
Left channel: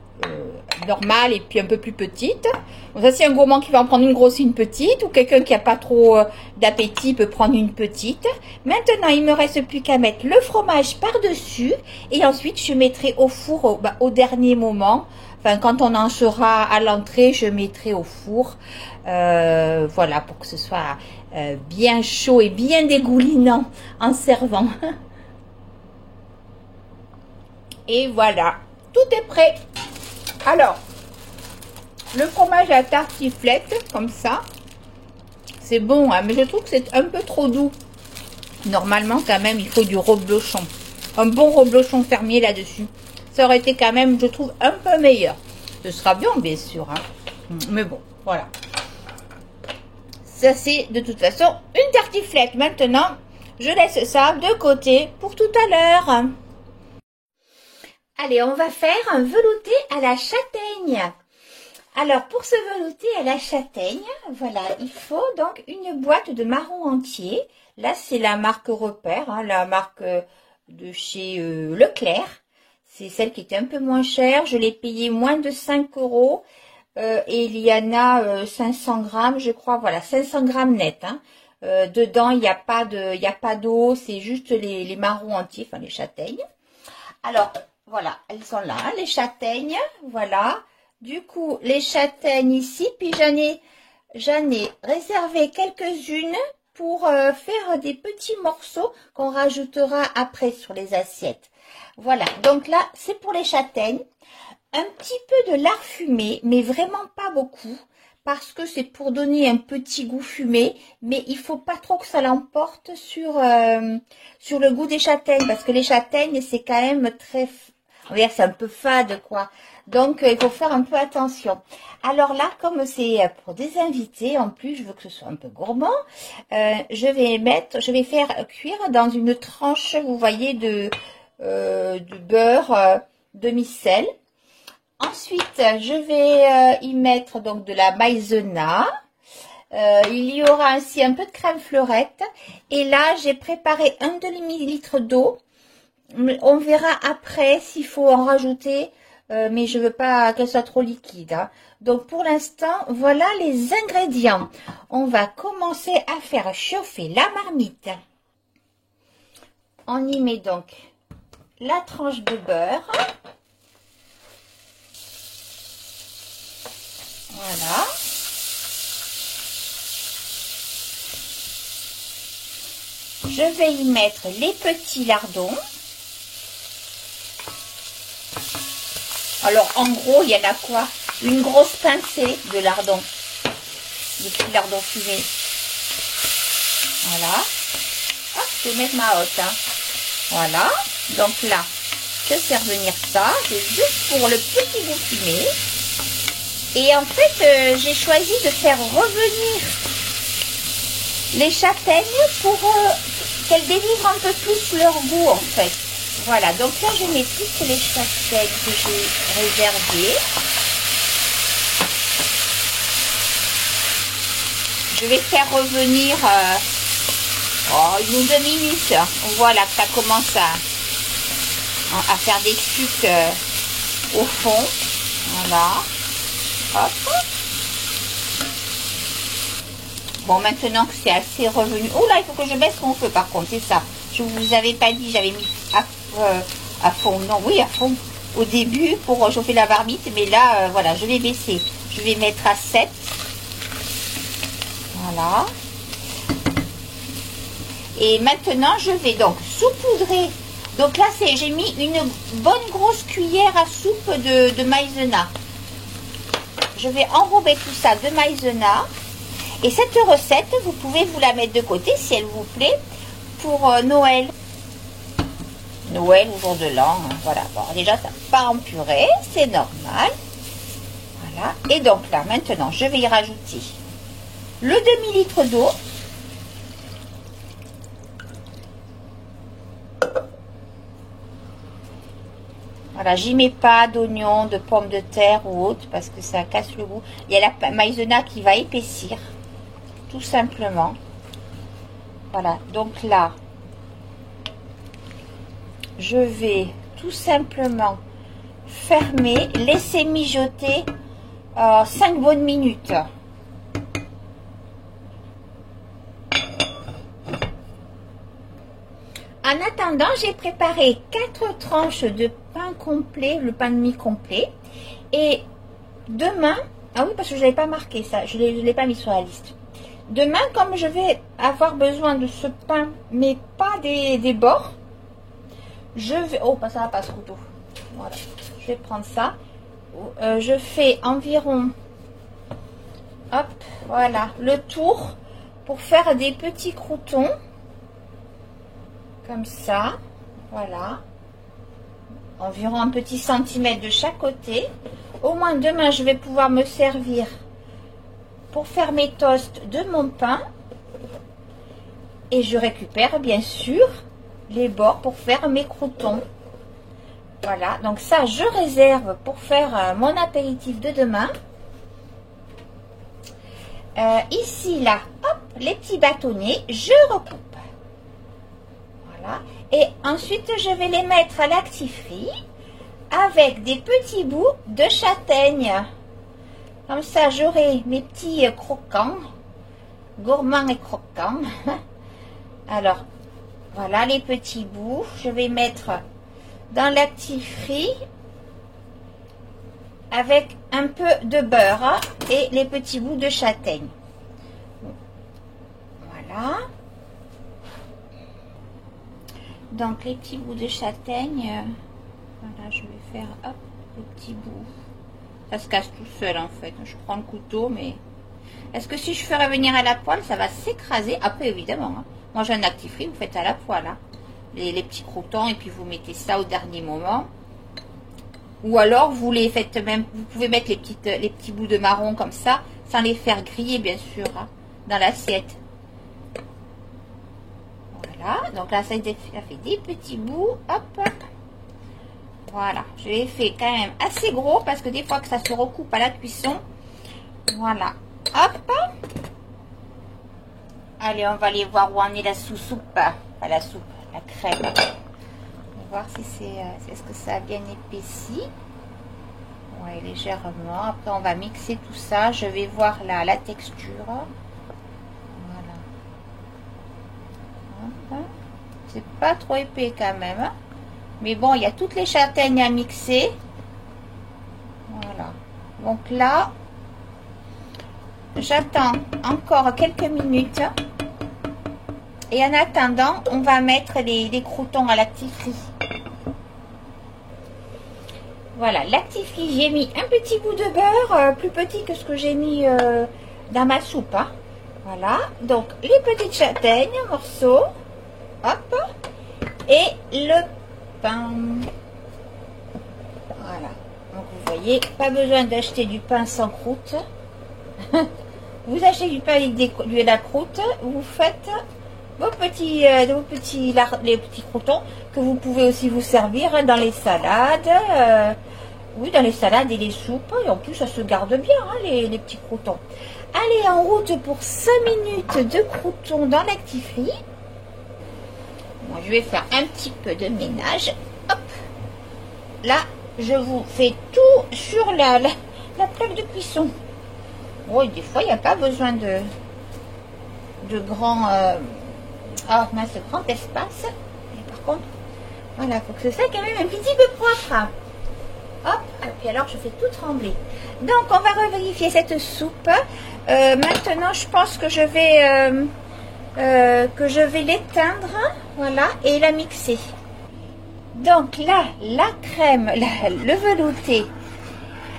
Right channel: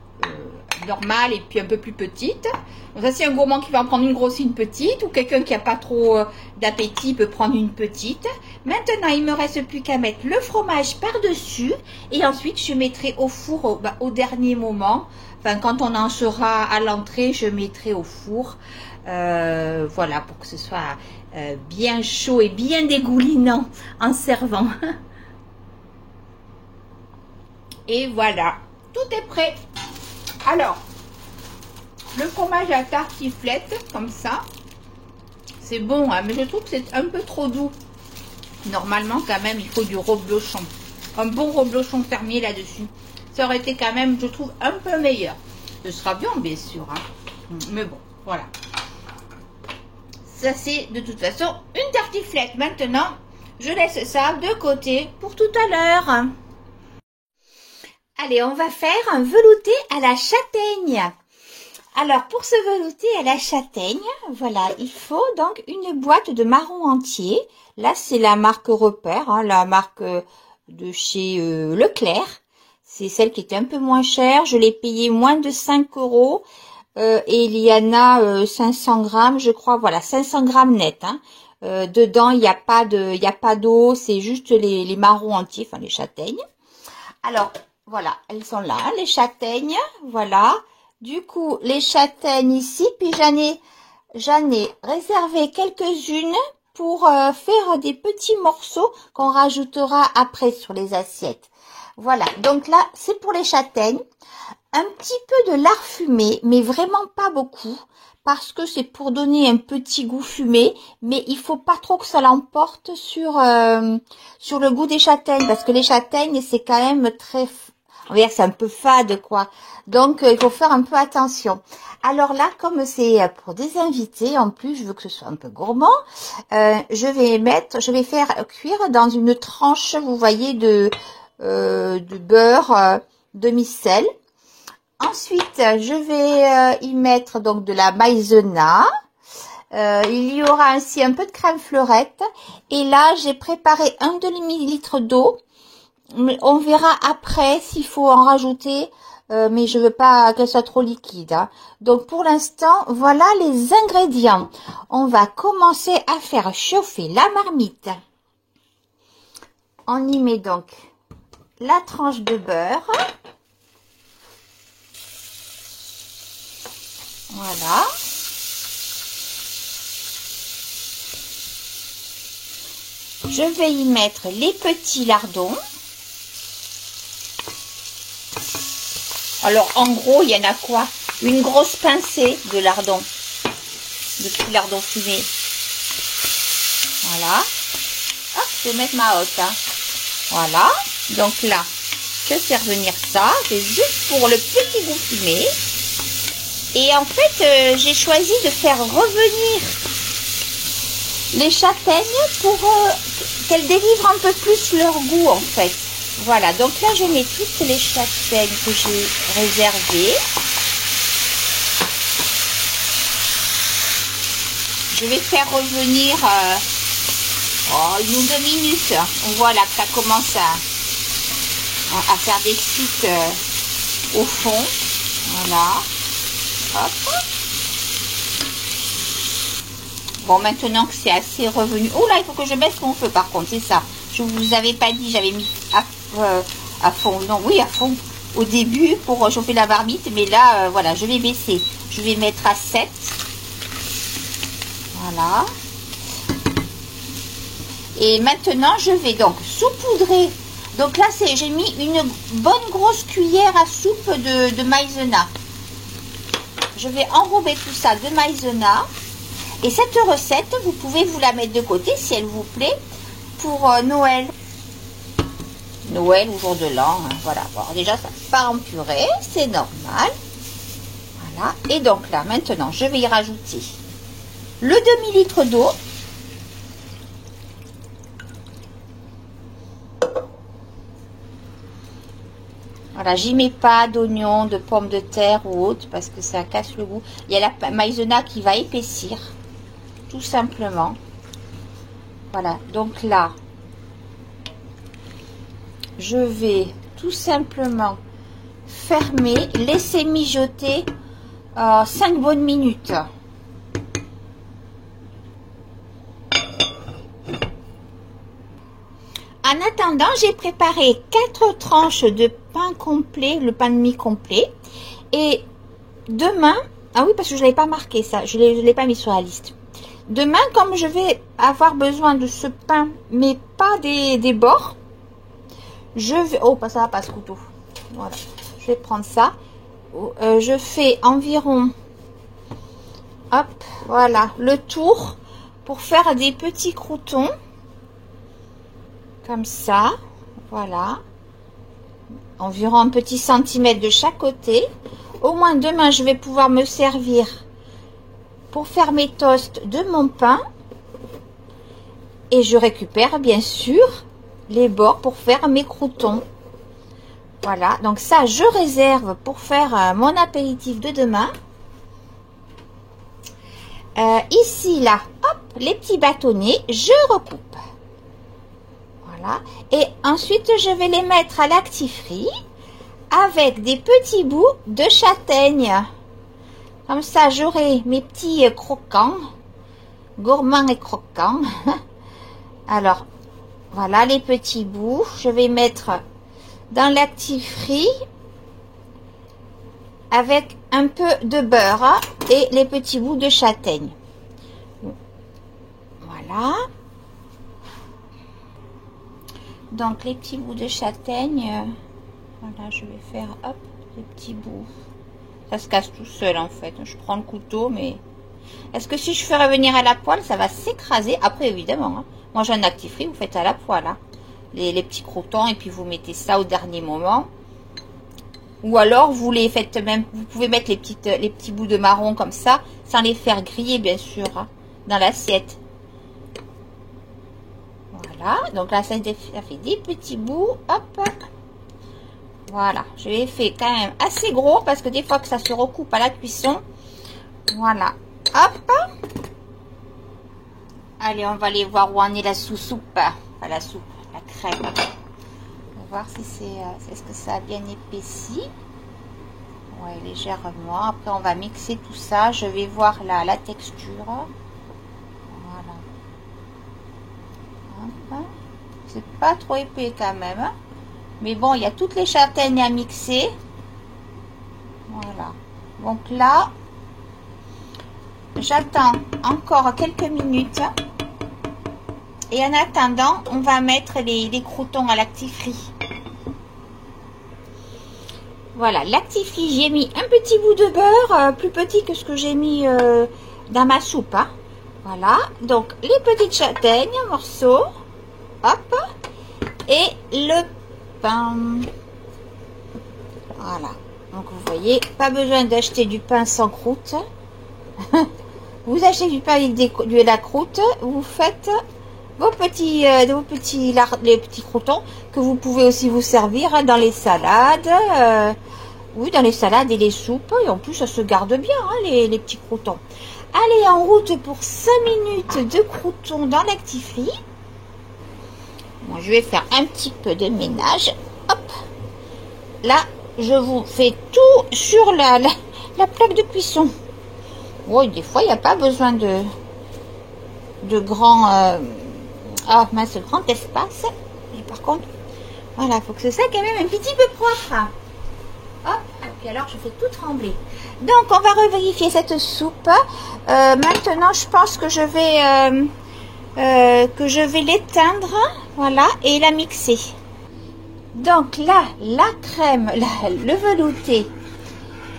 normale et puis un peu plus petite. Donc ça, c'est un gourmand qui va en prendre une grosse et une petite, ou quelqu'un qui n'a pas trop d'appétit peut prendre une petite. Maintenant, il me reste plus qu'à mettre le fromage par-dessus et ensuite je mettrai au four au dernier moment. Enfin, quand on en sera à l'entrée, je mettrai au four. Voilà, pour que ce soit bien chaud et bien dégoulinant en servant. Et voilà, tout est prêt. Alors, le fromage à tartiflette, comme ça, c'est bon, hein, mais je trouve que c'est un peu trop doux. Normalement, quand même, il faut du reblochon. Un bon reblochon fermier là-dessus. Ça aurait été quand même, je trouve, un peu meilleur. Ce sera bien sûr. Hein. Mais bon, voilà. Ça, c'est de toute façon une tartiflette. Maintenant, je laisse ça de côté pour tout à l'heure. Allez, on va faire un velouté à la châtaigne. Alors, pour ce velouté à la châtaigne, voilà, il faut donc une boîte de marron entier. Là, c'est la marque Repère, hein, la marque de chez Leclerc. C'est celle qui était un peu moins chère. Je l'ai payée moins de 5 €. Et il y en a 500 grammes, je crois. Voilà, 500 grammes net. Hein. Dedans, il n'y a pas d'eau. C'est juste les marrons entiers, enfin les châtaignes. Alors, voilà, elles sont là, les châtaignes. Voilà. Du coup, les châtaignes ici, puis j'en ai réservé quelques-unes pour faire des petits morceaux qu'on rajoutera après sur les assiettes. Voilà, donc là, c'est pour les châtaignes. Un petit peu de lard fumé, mais vraiment pas beaucoup, parce que c'est pour donner un petit goût fumé, mais il faut pas trop que ça l'emporte sur le goût des châtaignes, parce que les châtaignes, c'est quand même très... C'est un peu fade, quoi. Donc, il faut faire un peu attention. Alors là, comme c'est pour des invités, en plus, je veux que ce soit un peu gourmand, je vais faire cuire dans une tranche, vous voyez, de beurre demi-sel. Ensuite, je vais y mettre donc de la maïzena. Il y aura ainsi un peu de crème fleurette. Et là, j'ai préparé un demi-litre d'eau. On verra après s'il faut en rajouter, mais je veux pas qu'elle soit trop liquide. Hein. Donc pour l'instant, voilà les ingrédients. On va commencer à faire chauffer la marmite. On y met donc la tranche de beurre. Voilà. Je vais y mettre les petits lardons. Alors, en gros, il y en a quoi? Une grosse pincée de lardon. De petits lardons fumés. Voilà. Hop, je vais mettre ma hotte. Hein. Voilà. Donc là, je fais revenir ça. C'est juste pour le petit goût fumé. Et en fait, j'ai choisi de faire revenir les châtaignes pour qu'elles délivrent un peu plus leur goût en fait. Voilà, donc là je mets toutes les châtaignes que j'ai réservées. Je vais faire revenir une ou deux minutes. Voilà que ça commence à faire des sucs au fond. Voilà. Hop. Bon, maintenant que c'est assez revenu. Oh là, il faut que je baisse mon feu par contre, c'est ça. Je vous avais pas dit, j'avais mis à fond. Non, oui, à fond au début pour chauffer la marmite. Mais là, voilà, je vais baisser. Je vais mettre à 7. Voilà. Et maintenant, je vais donc saupoudrer. Donc là, j'ai mis une bonne grosse cuillère à soupe de maïzena. Je vais enrober tout ça de maïzena. Et cette recette, vous pouvez vous la mettre de côté si elle vous plaît pour Noël. Noël ou jour de l'an. Voilà. Bon, déjà, ça part en purée. C'est normal. Voilà. Et donc là, maintenant, je vais y rajouter le demi-litre d'eau. Voilà, j'y mets pas d'oignons, de pommes de terre ou autre parce que ça casse le goût. Il y a la maïzena qui va épaissir. Tout simplement. Voilà, donc là, je vais tout simplement fermer, laisser mijoter 5 bonnes minutes. En attendant, j'ai préparé 4 tranches de pain complet, le pain de mie complet. Et demain, ah oui, parce que je ne l'avais pas marqué ça, je ne l'ai pas mis sur la liste. Demain, comme je vais avoir besoin de ce pain, mais pas des bords, je vais... Oh, ça va pas ce couteau. Voilà. Je vais prendre ça. Je fais environ... Hop, voilà, le tour pour faire des petits croûtons. Comme ça. Voilà. Environ un petit centimètre de chaque côté. Au moins, demain, je vais pouvoir me servir... pour faire mes toasts de mon pain. Et je récupère bien sûr les bords pour faire mes croûtons. Voilà, donc ça je réserve pour faire mon apéritif de demain. Ici là, hop, les petits bâtonnets, je recoupe. Voilà, et ensuite je vais les mettre à l'actifrie avec des petits bouts de châtaigne. Comme ça, j'aurai mes petits croquants, gourmands et croquants. Alors, voilà les petits bouts. Je vais mettre dans l'actifrie avec un peu de beurre et les petits bouts de châtaigne. Voilà. Donc, les petits bouts de châtaigne, voilà, je vais faire, hop, les petits bouts. Ça se casse tout seul en fait. Je prends le couteau, mais est-ce que si je fais revenir à la poêle, ça va s'écraser? Après, évidemment, hein. Moi j'ai un actifrie, vous faites à la poêle, hein. Les petits croûtons, et puis vous mettez ça au dernier moment. Ou alors vous les faites même, vous pouvez mettre les petits bouts de marron comme ça, sans les faire griller bien sûr, hein, dans l'assiette. Voilà, donc là ça fait des petits bouts, hop, hop. Voilà, je l'ai fait quand même assez gros parce que des fois que ça se recoupe à la cuisson. Voilà, hop. Allez, on va aller voir où en est la sous-soupe. Pas la soupe, la crème. On va voir si est-ce que ça a bien épaissi. Ouais, légèrement. Après, on va mixer tout ça. Je vais voir la texture. Voilà. C'est pas trop épais quand même. Mais bon, il y a toutes les châtaignes à mixer. Voilà. Donc là, j'attends encore quelques minutes. Et en attendant, on va mettre les croûtons à l'actifrie. Voilà, l'actifrice, j'ai mis un petit bout de beurre, plus petit que ce que j'ai mis dans ma soupe. Hein. Voilà, donc les petites châtaignes, morceaux, hop, et le pain. Voilà, donc vous voyez, pas besoin d'acheter du pain sans croûte. Vous achetez du pain avec de la croûte, vous faites les petits croûtons que vous pouvez aussi vous servir dans les salades. Oui, dans les salades et les soupes. Et en plus, ça se garde bien, hein, les petits croûtons. Allez, en route pour 5 minutes de croûtons dans l'actifrice. Bon, je vais faire un petit peu de ménage. Hop. Là, je vous fais tout sur la plaque de cuisson. Oui, des fois, il n'y a pas besoin de grand... grand espace. Mais par contre, voilà, il faut que ce soit quand même un petit peu propre. Hop, et puis alors je fais tout trembler. Donc on va revérifier cette soupe. Maintenant je pense que je vais l'éteindre, voilà, et la mixer. Donc là, la crème, le velouté,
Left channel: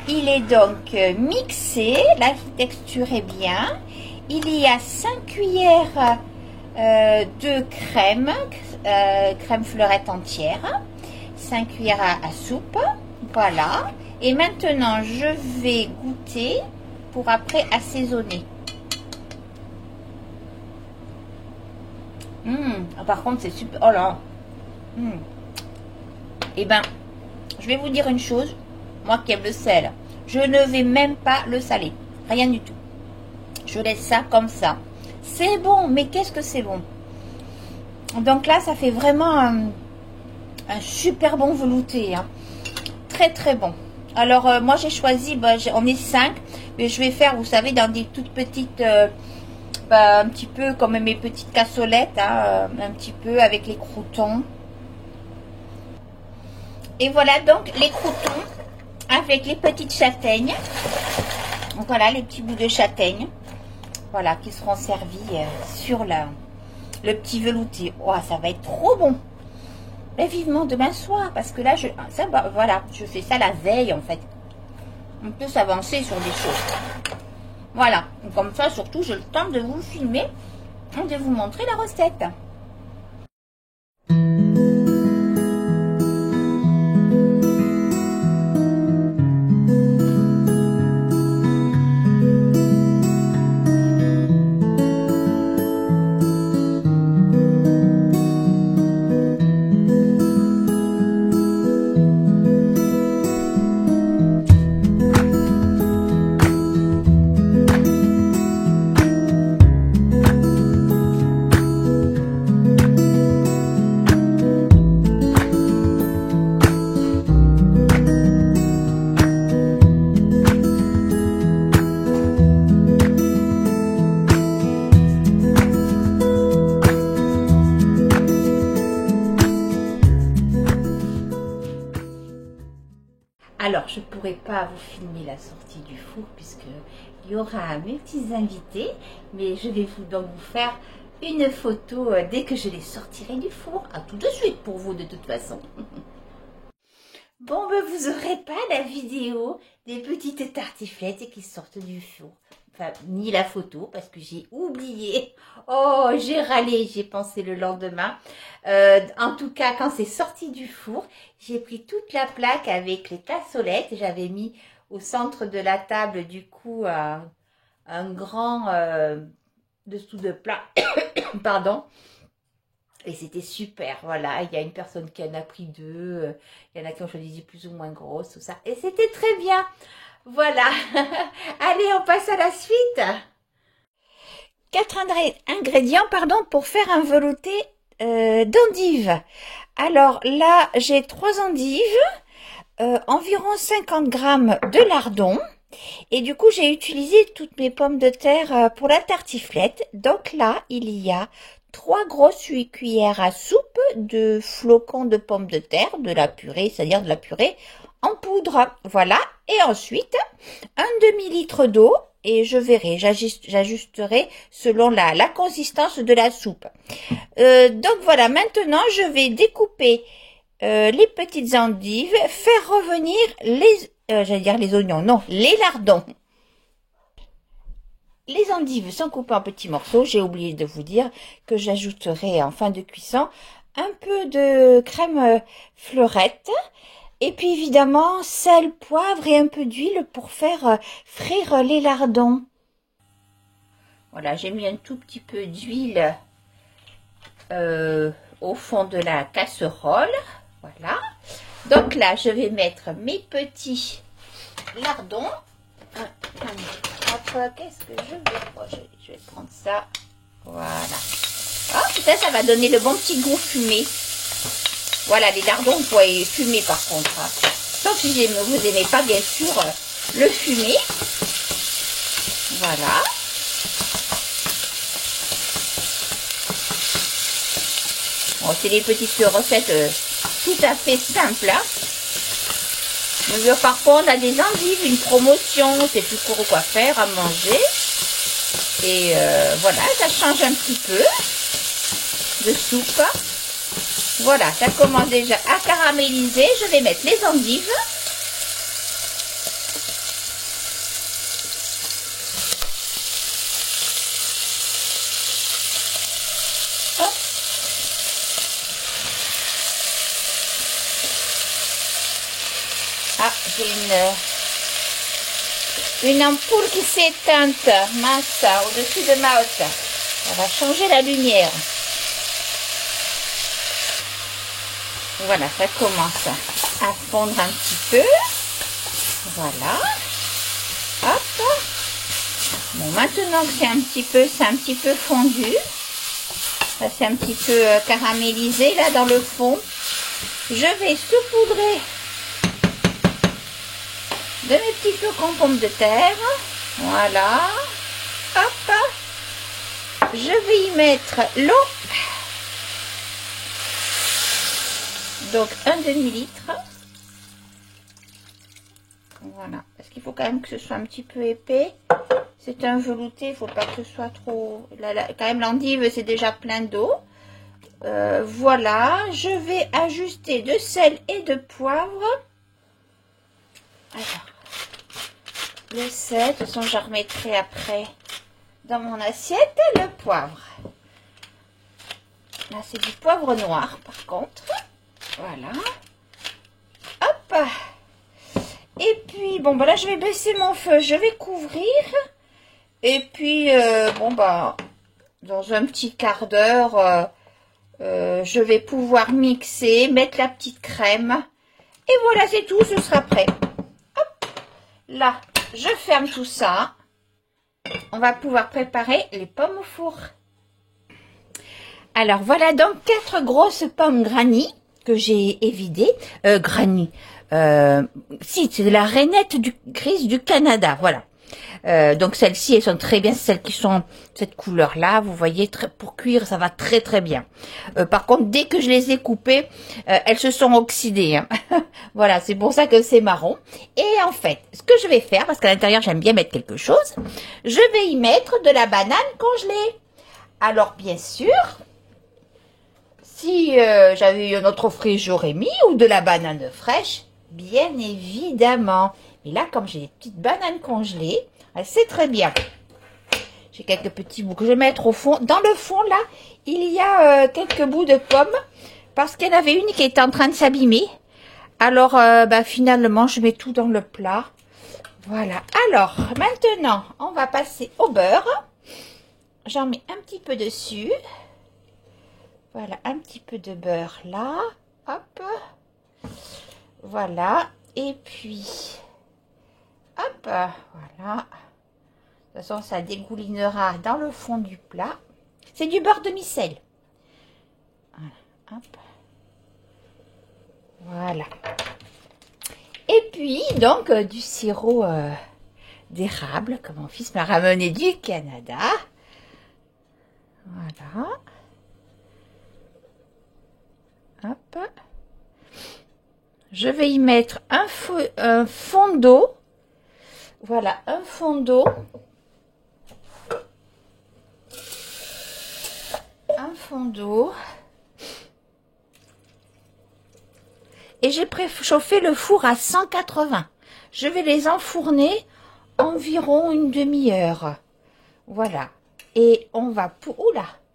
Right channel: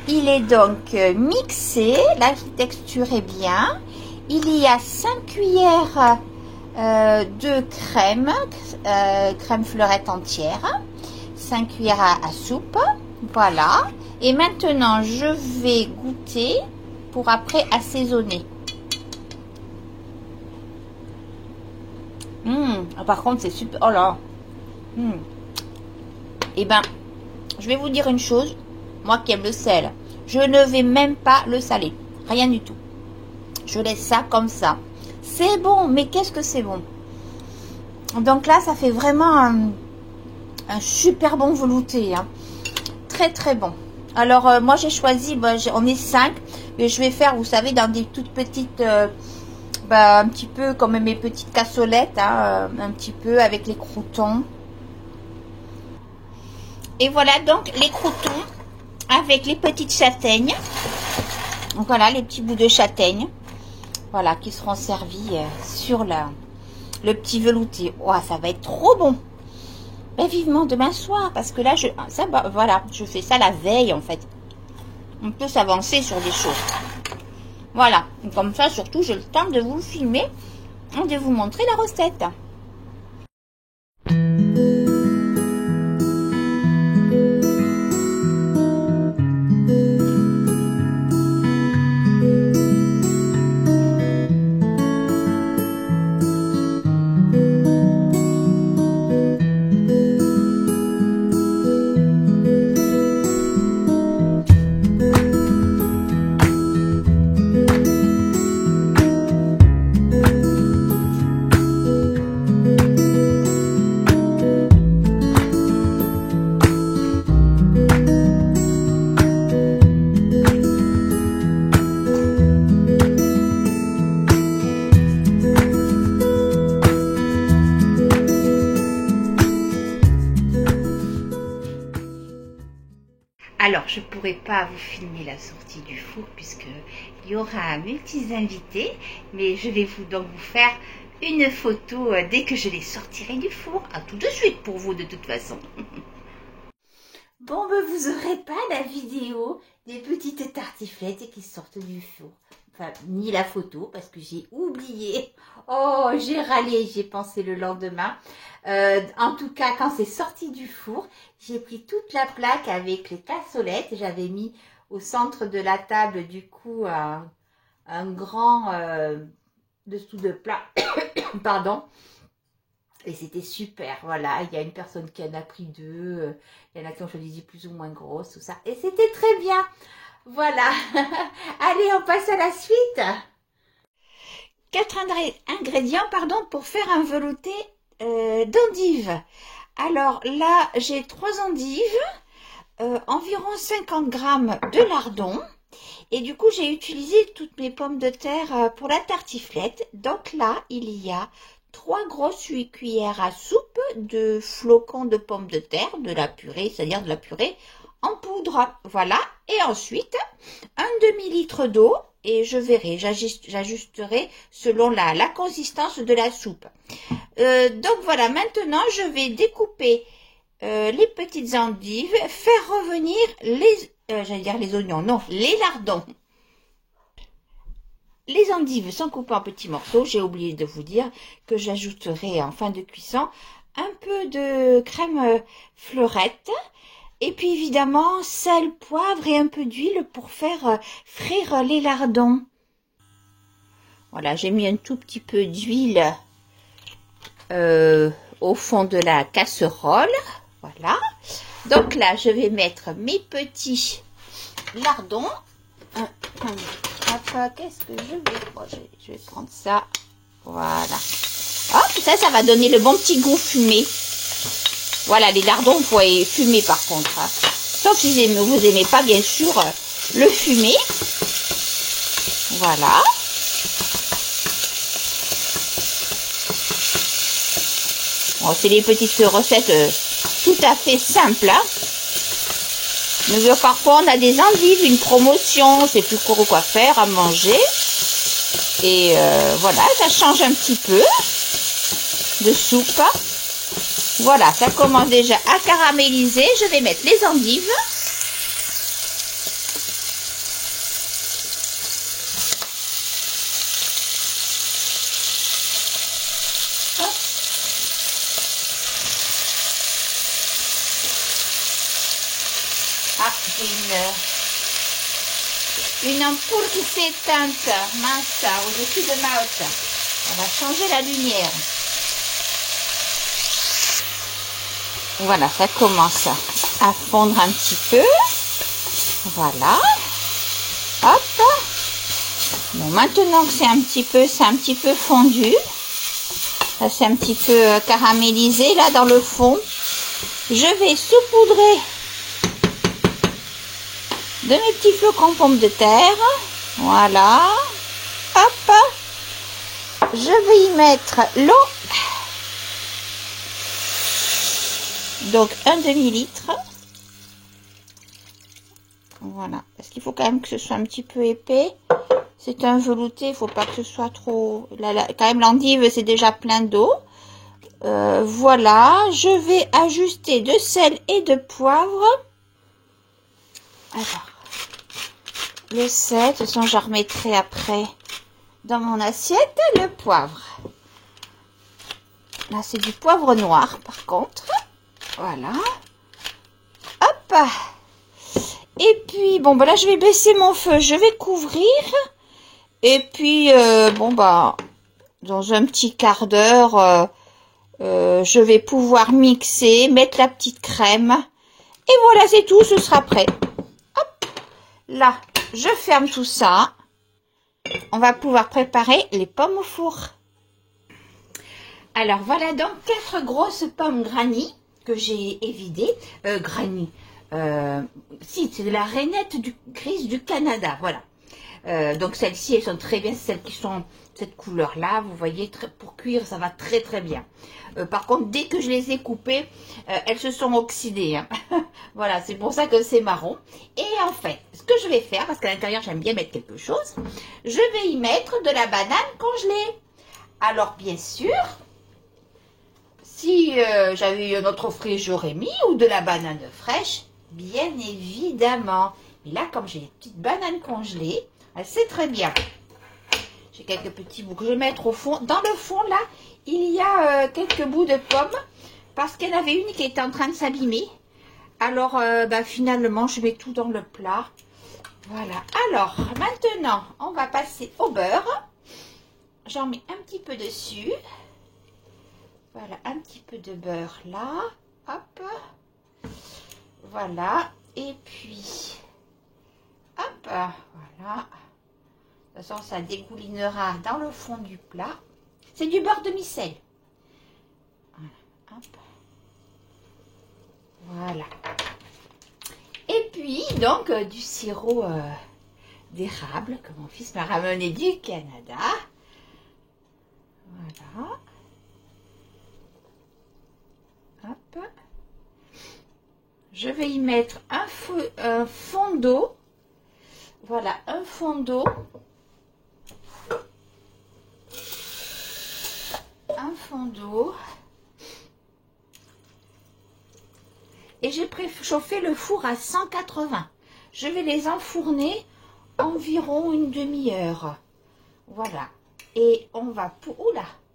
il est donc mixé. La texture est bien. Il y a 5 cuillères de crème, crème fleurette entière, 5 cuillères à soupe. Voilà, et maintenant je vais goûter pour après assaisonner. Par contre c'est super. Oh là. Eh ben, je vais vous dire une chose. Moi qui aime le sel, je ne vais même pas le saler. Rien du tout. Je laisse ça comme ça. C'est bon, mais qu'est-ce que c'est bon. Donc là, ça fait vraiment un super bon velouté. Hein. Très très bon. Alors moi j'ai choisi, on est 5, mais je vais faire, vous savez, dans des toutes petites, un petit peu comme mes petites cassolettes, hein, un petit peu avec les croûtons. Et voilà donc les croûtons avec les petites châtaignes. Donc voilà les petits bouts de châtaigne, voilà, qui seront servis sur le petit velouté. Oh, ça va être trop bon. Ben, vivement demain soir, parce que là, voilà, je fais ça la veille, en fait. On peut s'avancer sur des choses. Voilà, et comme ça, surtout, j'ai le temps de vous filmer et de vous montrer la recette. Alors, je ne pourrai pas vous filmer la sortie du four puisque il y aura mes petits invités, mais je vais donc vous faire une photo dès que je les sortirai du four. À tout de suite pour vous de toute façon. Bon, vous n'aurez pas la vidéo des petites tartiflettes qui sortent du four. Enfin, ni la photo parce que j'ai oublié. Oh, j'ai râlé, j'ai pensé le lendemain. En tout cas, quand c'est sorti du four, j'ai pris toute la plaque avec les cassolettes. J'avais mis au centre de la table, du coup, un grand dessous de plat. Pardon. Et c'était super, voilà. Il y a une personne qui en a pris 2. Il y en a qui ont choisi plus ou moins grosses, tout ça. Et c'était très bien. Voilà. Allez, on passe à la suite. 4 ingrédients, pour faire un velouté d'endives. Alors là, j'ai 3 endives, environ 50 grammes de lardons. Et du coup, j'ai utilisé toutes mes pommes de terre pour la tartiflette. Donc là, il y a 3 grosses cuillères à soupe de flocons de pommes de terre, de la purée, c'est-à-dire de la purée en poudre. Voilà. Et ensuite, un demi-litre d'eau. Et je verrai, j'ajusterai selon la consistance de la soupe. Donc voilà, maintenant je vais découper les petites endives, faire revenir j'allais dire les oignons, non, les lardons. Les endives sont coupées en petits morceaux. J'ai oublié de vous dire que j'ajouterai en fin de cuisson un peu de crème fleurette. Et puis évidemment, sel, poivre et un peu d'huile pour faire frire les lardons. Voilà, j'ai mis un tout petit peu d'huile au fond de la casserole. Voilà. Donc là, je vais mettre mes petits lardons. Qu'est-ce que je vais... je vais prendre ça. Voilà. Ah, ça va donner le bon petit goût fumé. Voilà, les lardons, vous pouvez fumer par contre. Hein. Sauf si vous n'aimez pas, bien sûr, le fumé. Voilà. Bon, c'est des petites recettes tout à fait simples. Hein. Mais parfois, on a des endives, une promotion, c'est plus trop quoi faire, à manger. Et voilà, ça change un petit peu de soupe. Voilà, ça commence déjà à caraméliser. Je vais mettre les endives. Ah, j'ai une ampoule qui s'est éteinte, mince, au-dessus de ma hotte. On va changer la lumière. Voilà, ça commence à fondre un petit peu. Voilà. Hop. Bon, maintenant que c'est un petit peu fondu, ça c'est un petit peu caramélisé là dans le fond, je vais saupoudrer de mes petits flocons pommes de terre. Voilà. Hop. Je vais y mettre l'eau. Donc un demi-litre. Voilà. Parce qu'il faut quand même que ce soit un petit peu épais. C'est un velouté, il ne faut pas que ce soit trop... quand même l'endive, c'est déjà plein d'eau. Voilà. Je vais ajuster de sel et de poivre. Alors. Le sel, de toute façon, je remettrai après dans mon assiette le poivre. Là, c'est du poivre noir, par contre. Voilà. Hop. Et puis, bon, ben là, je vais baisser mon feu. Je vais couvrir. Et puis, bon, bah, dans un petit quart d'heure, je vais pouvoir mixer, mettre la petite crème. Et voilà, c'est tout. Ce sera prêt. Hop. Là, je ferme tout ça. On va pouvoir préparer les pommes au four. Alors, voilà donc 4 grosses pommes granny que j'ai évidées. Granny. Si, c'est de la rainette grise du Canada. Voilà. Donc celles-ci, elles sont très bien, celles qui sont cette couleur-là, vous voyez, pour cuire, ça va très très bien. Par contre, dès que je les ai coupées, elles se sont oxydées. Hein. Voilà, c'est pour ça que c'est marron. Et en fait, ce que je vais faire, parce qu'à l'intérieur, j'aime bien mettre quelque chose, je vais y mettre de la banane congelée. Alors, bien sûr, si j'avais eu un autre fruit, j'aurais mis, ou de la banane fraîche, bien évidemment. Mais là, comme j'ai des petites bananes congelées, c'est très bien. J'ai quelques petits bouts que je vais mettre au fond. Dans le fond, là, il y a quelques bouts de pommes. Parce qu'il y en avait une qui était en train de s'abîmer. Alors, finalement, je mets tout dans le plat. Voilà. Alors, maintenant, on va passer au beurre. J'en mets un petit peu dessus. Voilà, un petit peu de beurre là. Hop. Voilà. Et puis... hop, voilà. De toute façon, ça dégoulinera dans le fond du plat. C'est du beurre demi-sel. Voilà, hop. Voilà. Et puis, donc, du sirop d'érable, que mon fils m'a ramené du Canada. Voilà. Hop. Je vais y mettre un fond d'eau. Voilà, un fond d'eau. Un fond d'eau. et j'ai préchauffé le four à 180. Je vais les enfourner environ une demi-heure. Voilà. Et on va pouvoir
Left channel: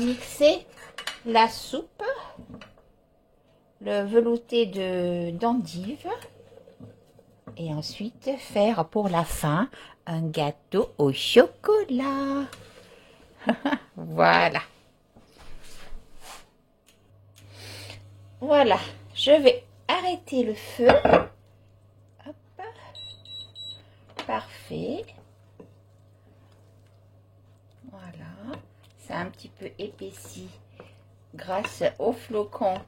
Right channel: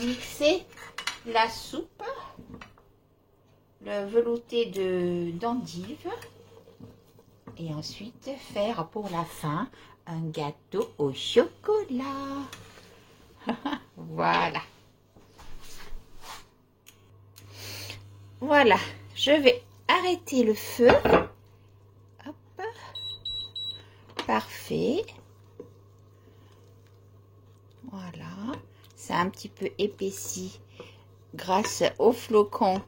mixer la soupe, le velouté d'endive, et ensuite faire pour la fin un gâteau au chocolat. Voilà. Voilà, je vais arrêter le feu. Hop. Parfait. Voilà, c'est un petit peu épaissi grâce au flocon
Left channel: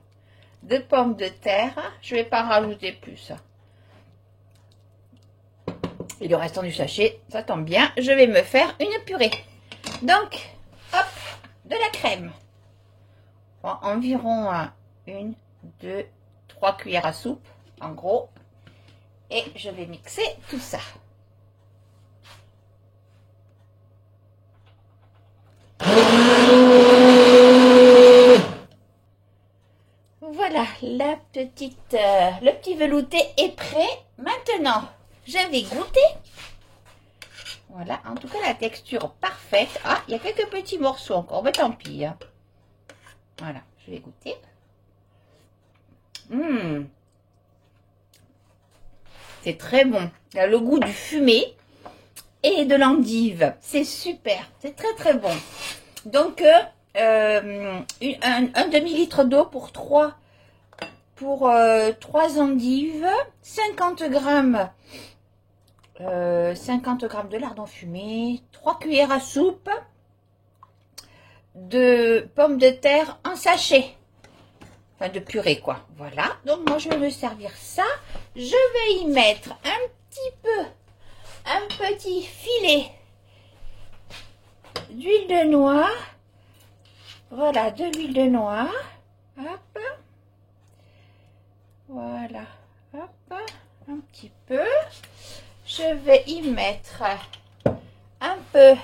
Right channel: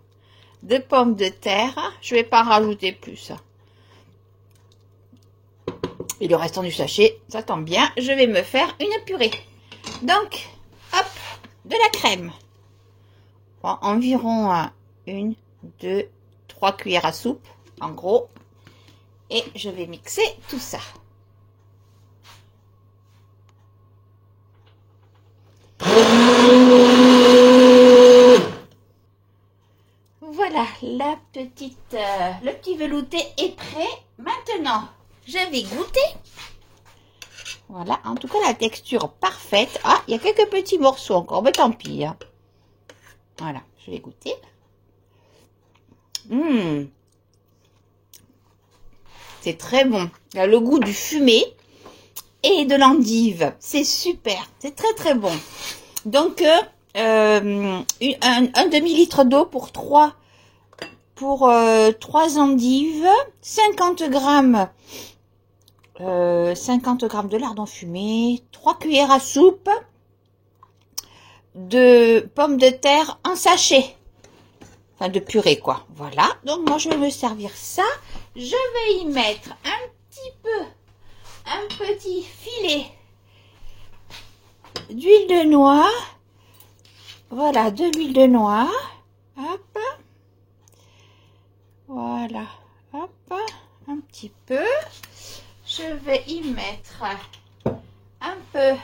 de pommes de terre. Je vais pas en rajouter plus. Et le restant du sachet, ça tombe bien, je vais me faire une purée. Donc, hop, de la crème. Bon, environ 1, 2, 3 cuillères à soupe, en gros. Et je vais mixer tout ça. Voilà, le petit velouté est prêt. Maintenant, je vais goûter. Voilà, en tout cas, la texture parfaite. Ah, il y a quelques petits morceaux encore, mais tant pis. Hein. Voilà, je vais goûter. C'est très bon. Il y a le goût du fumé et de l'endive. C'est super. C'est très, très bon. Donc, un demi-litre d'eau pour 3 endives, 50 grammes de lardons fumés, 3 cuillères à soupe de pommes de terre en sachet, enfin de purée quoi. Voilà, donc moi je vais me servir ça. Je vais y mettre un petit filet d'huile de noix. Voilà, de l'huile de noix. Hop. Voilà, hop, un petit peu. Je vais y mettre un peu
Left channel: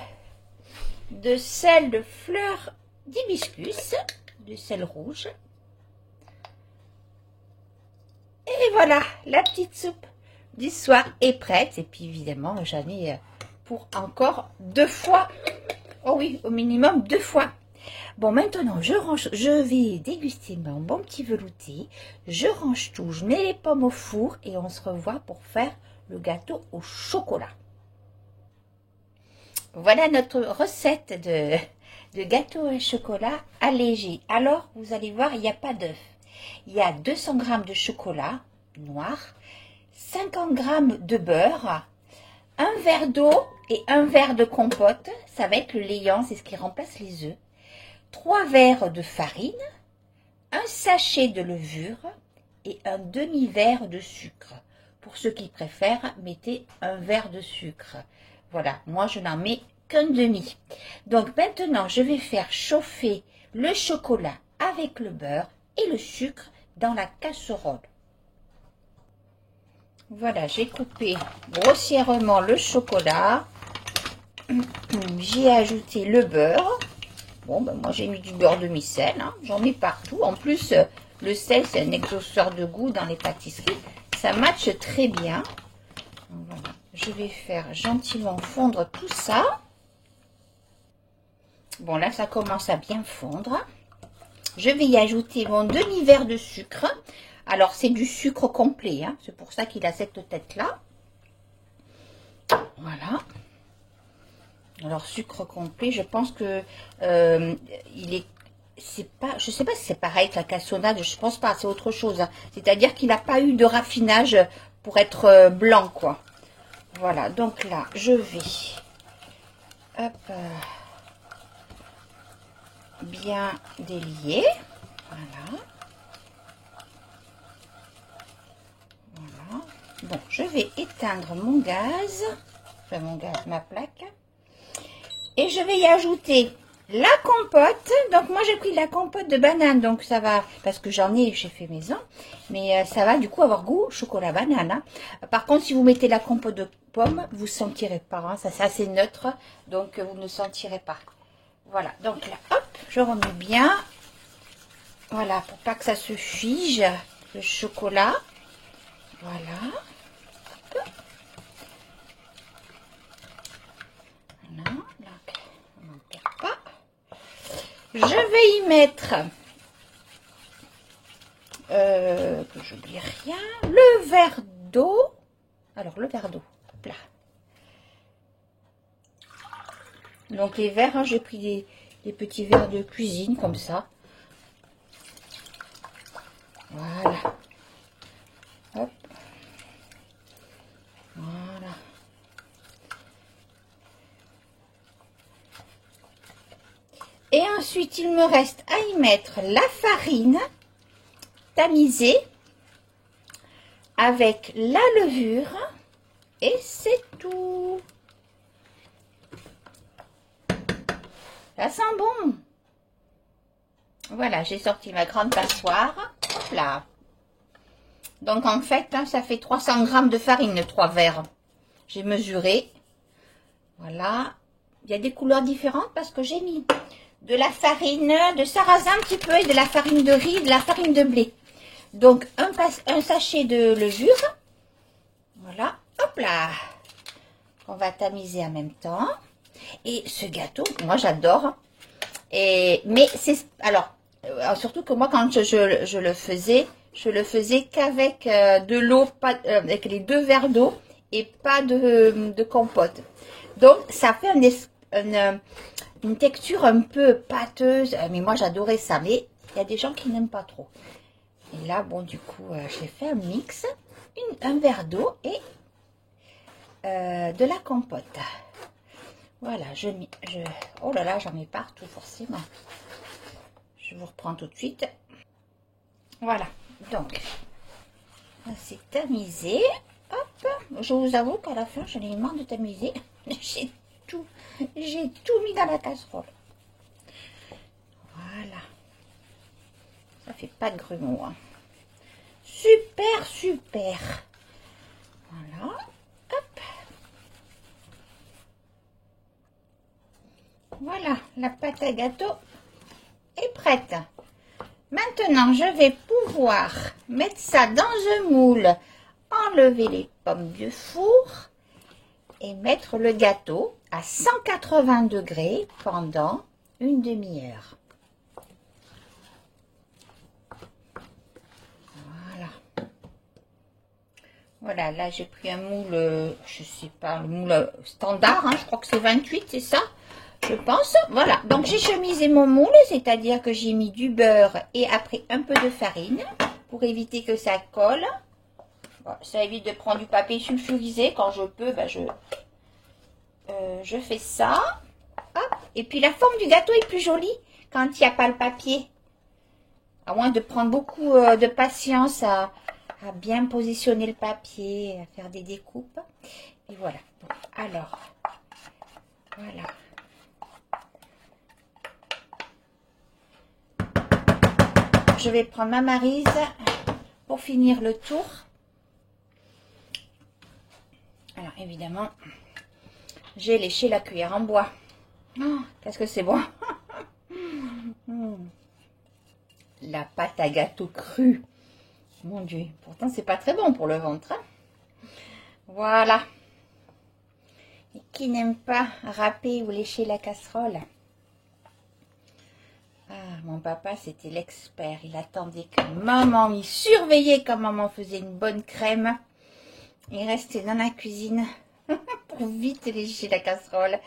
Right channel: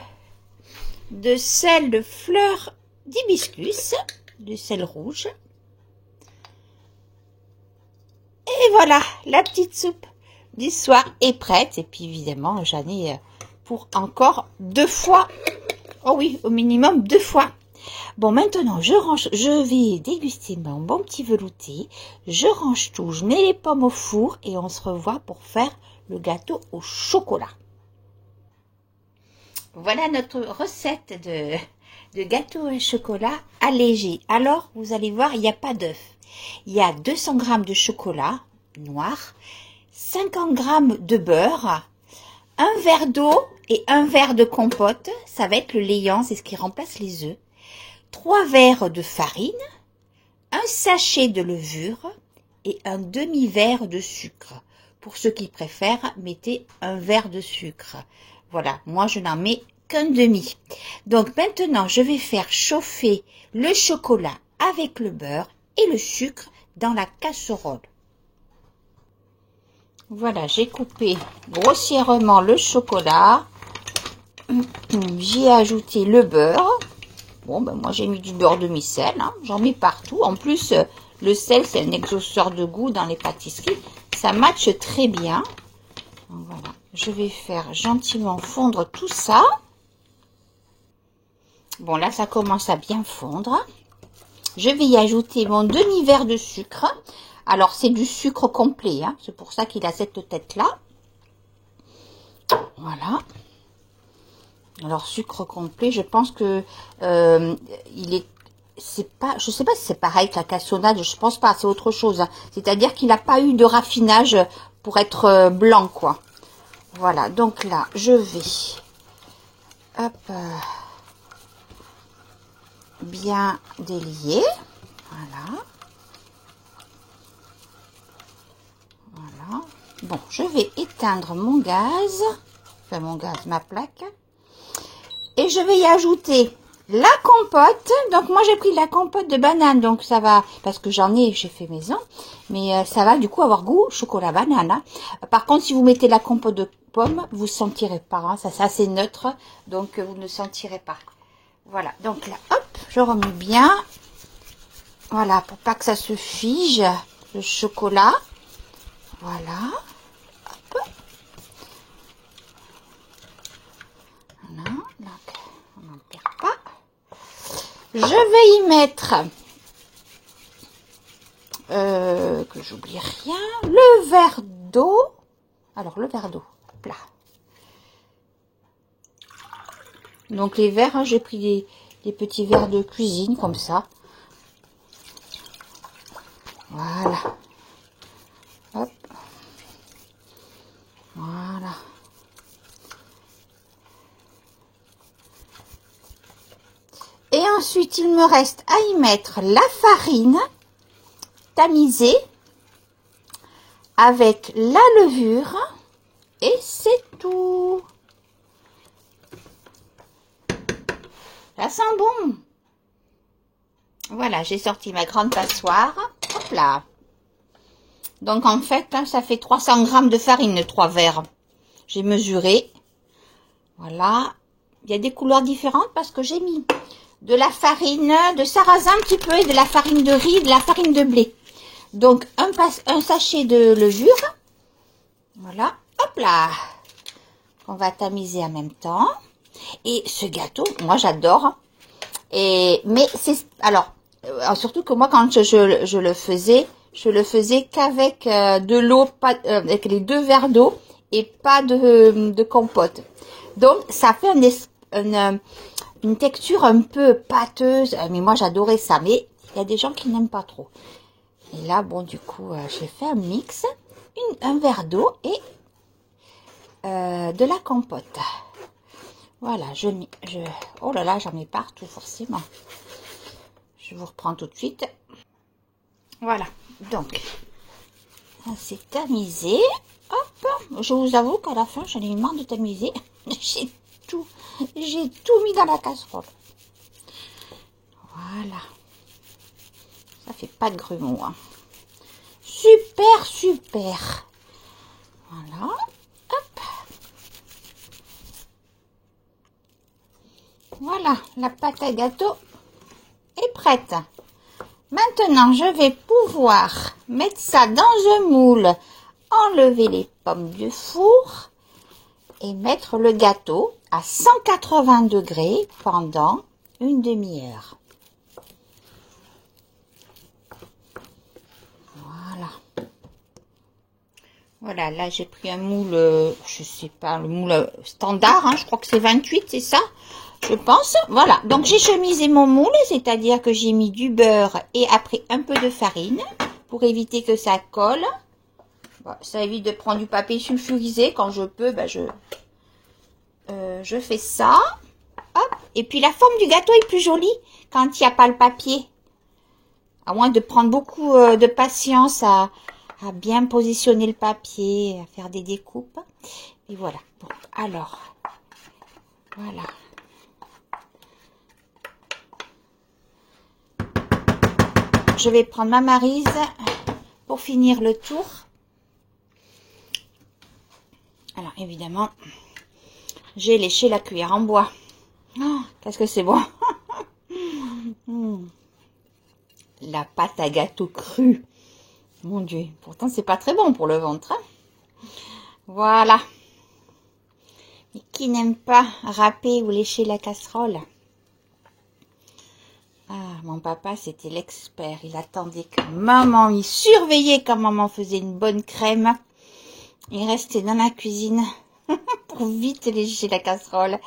de sel de fleur d'hibiscus, du sel rouge. Et voilà, la petite soupe du soir est prête. Et puis évidemment, j'en ai pour encore 2 fois. Oh oui, au minimum 2 fois. Bon, maintenant, je vais déguster mon bon petit velouté. Je range tout, je mets les pommes au four et on se revoit pour faire le gâteau au chocolat. Voilà notre recette de gâteau au chocolat allégé. Alors, vous allez voir, il n'y a pas d'œuf. Il y a 200 g de chocolat noir, 50 g de beurre, un verre d'eau et un verre de compote. Ça va être le léant, c'est ce qui remplace les œufs. 3 verres de farine, un sachet de levure et un demi-verre de sucre. Pour ceux qui préfèrent, mettez un verre de sucre. Voilà, moi je n'en mets qu'un demi. Donc maintenant, je vais faire chauffer le chocolat avec le beurre et le sucre dans la casserole. Voilà, j'ai coupé grossièrement le chocolat. J'y ai ajouté le beurre. Bon, ben moi j'ai mis du beurre demi-sel, hein. J'en mets partout. En plus, le sel, c'est un exhausteur de goût dans les pâtisseries. Ça matche très bien. Donc, voilà, je vais faire gentiment fondre tout ça. Bon, là, ça commence à bien fondre. Je vais y ajouter mon demi-verre de sucre. Alors, c'est du sucre complet, hein. C'est pour ça qu'il a cette tête-là. Voilà. Alors, sucre complet, je pense que c'est pas, je sais pas si c'est pareil que la cassonade, je pense pas, c'est autre chose. Hein. C'est-à-dire qu'il n'a pas eu de raffinage pour être blanc, quoi. Voilà, donc là, je vais hop, bien délier. Voilà. Voilà. Bon, je vais éteindre mon gaz, enfin ma plaque. Et je vais y ajouter la compote. Donc moi j'ai pris la compote de banane. Donc ça va, parce que j'ai fait maison. Mais ça va du coup avoir goût chocolat banane. Hein. Par contre si vous mettez la compote de pomme, vous ne sentirez pas. Hein. Ça c'est assez neutre. Donc vous ne sentirez pas. Voilà. Donc là, hop, je remets bien. Voilà, pour pas que ça se fige, le chocolat. Voilà. Hop. Voilà, donc on n'en perd pas. Je vais y mettre, que j'oublie rien, le verre d'eau. Alors, le verre d'eau, là. Donc, les verres, hein, j'ai pris des petits verres de cuisine, comme ça. Voilà. Hop. Voilà. Et ensuite, il me reste à y mettre la farine tamisée avec la levure et c'est tout. Ça sent bon. Voilà, j'ai sorti ma grande passoire. Hop là. Donc en fait, hein, ça fait 300 g de farine, les 3 verres. J'ai mesuré. Voilà. Il y a des couleurs différentes parce que j'ai mis de la farine de sarrasin un petit peu et de la farine de riz, de la farine de blé. Donc un sachet de levure. Voilà. Hop là. On va tamiser en même temps. Et ce gâteau, moi j'adore. Mais c'est alors surtout que moi quand je le faisais qu'avec de l'eau, avec les 2 verres d'eau et pas de compote. Donc ça fait une texture un peu pâteuse. Mais moi j'adorais ça. Mais il y a des gens qui n'aiment pas trop. Et là bon du coup j'ai fait un mix, un verre d'eau et de la compote. Voilà, oh là là, j'en mets partout forcément. Je vous reprends tout de suite. Voilà, donc, c'est tamisé. Hop, je vous avoue qu'à la fin, j'en ai eu marre de tamiser. J'ai tout mis dans la casserole. Voilà. Ça fait pas de grumeaux. Hein. Super, super. Voilà. Hop. Voilà, la pâte à gâteau est prête. Maintenant, je vais pouvoir mettre ça dans un moule, enlever les pommes du four et mettre le gâteau à 180 degrés pendant une demi-heure. Voilà. Voilà, là j'ai pris un moule, je sais pas, le moule standard, hein, je crois que c'est 28, c'est ça ? Je pense, voilà, donc j'ai chemisé mon moule, c'est-à-dire que j'ai mis du beurre et après un peu de farine pour éviter que ça colle. Bon, ça évite de prendre du papier sulfurisé, quand je peux, ben je fais ça. Hop. Et puis la forme du gâteau est plus jolie quand il n'y a pas le papier. À moins de prendre beaucoup de patience à bien positionner le papier, à faire des découpes. Et voilà, bon, alors, voilà. Je vais prendre ma maryse pour finir le tour. Alors évidemment, j'ai léché la cuillère en bois. Oh, qu'est-ce que c'est bon. La pâte à gâteau crue. Mon Dieu, pourtant c'est pas très bon pour le ventre. Hein. Voilà. Et qui n'aime pas râper ou lécher la casserole? Ah, mon papa, c'était l'expert. Il attendait que maman, il surveillait quand maman faisait une bonne crème. Il restait dans la cuisine pour vite lécher la casserole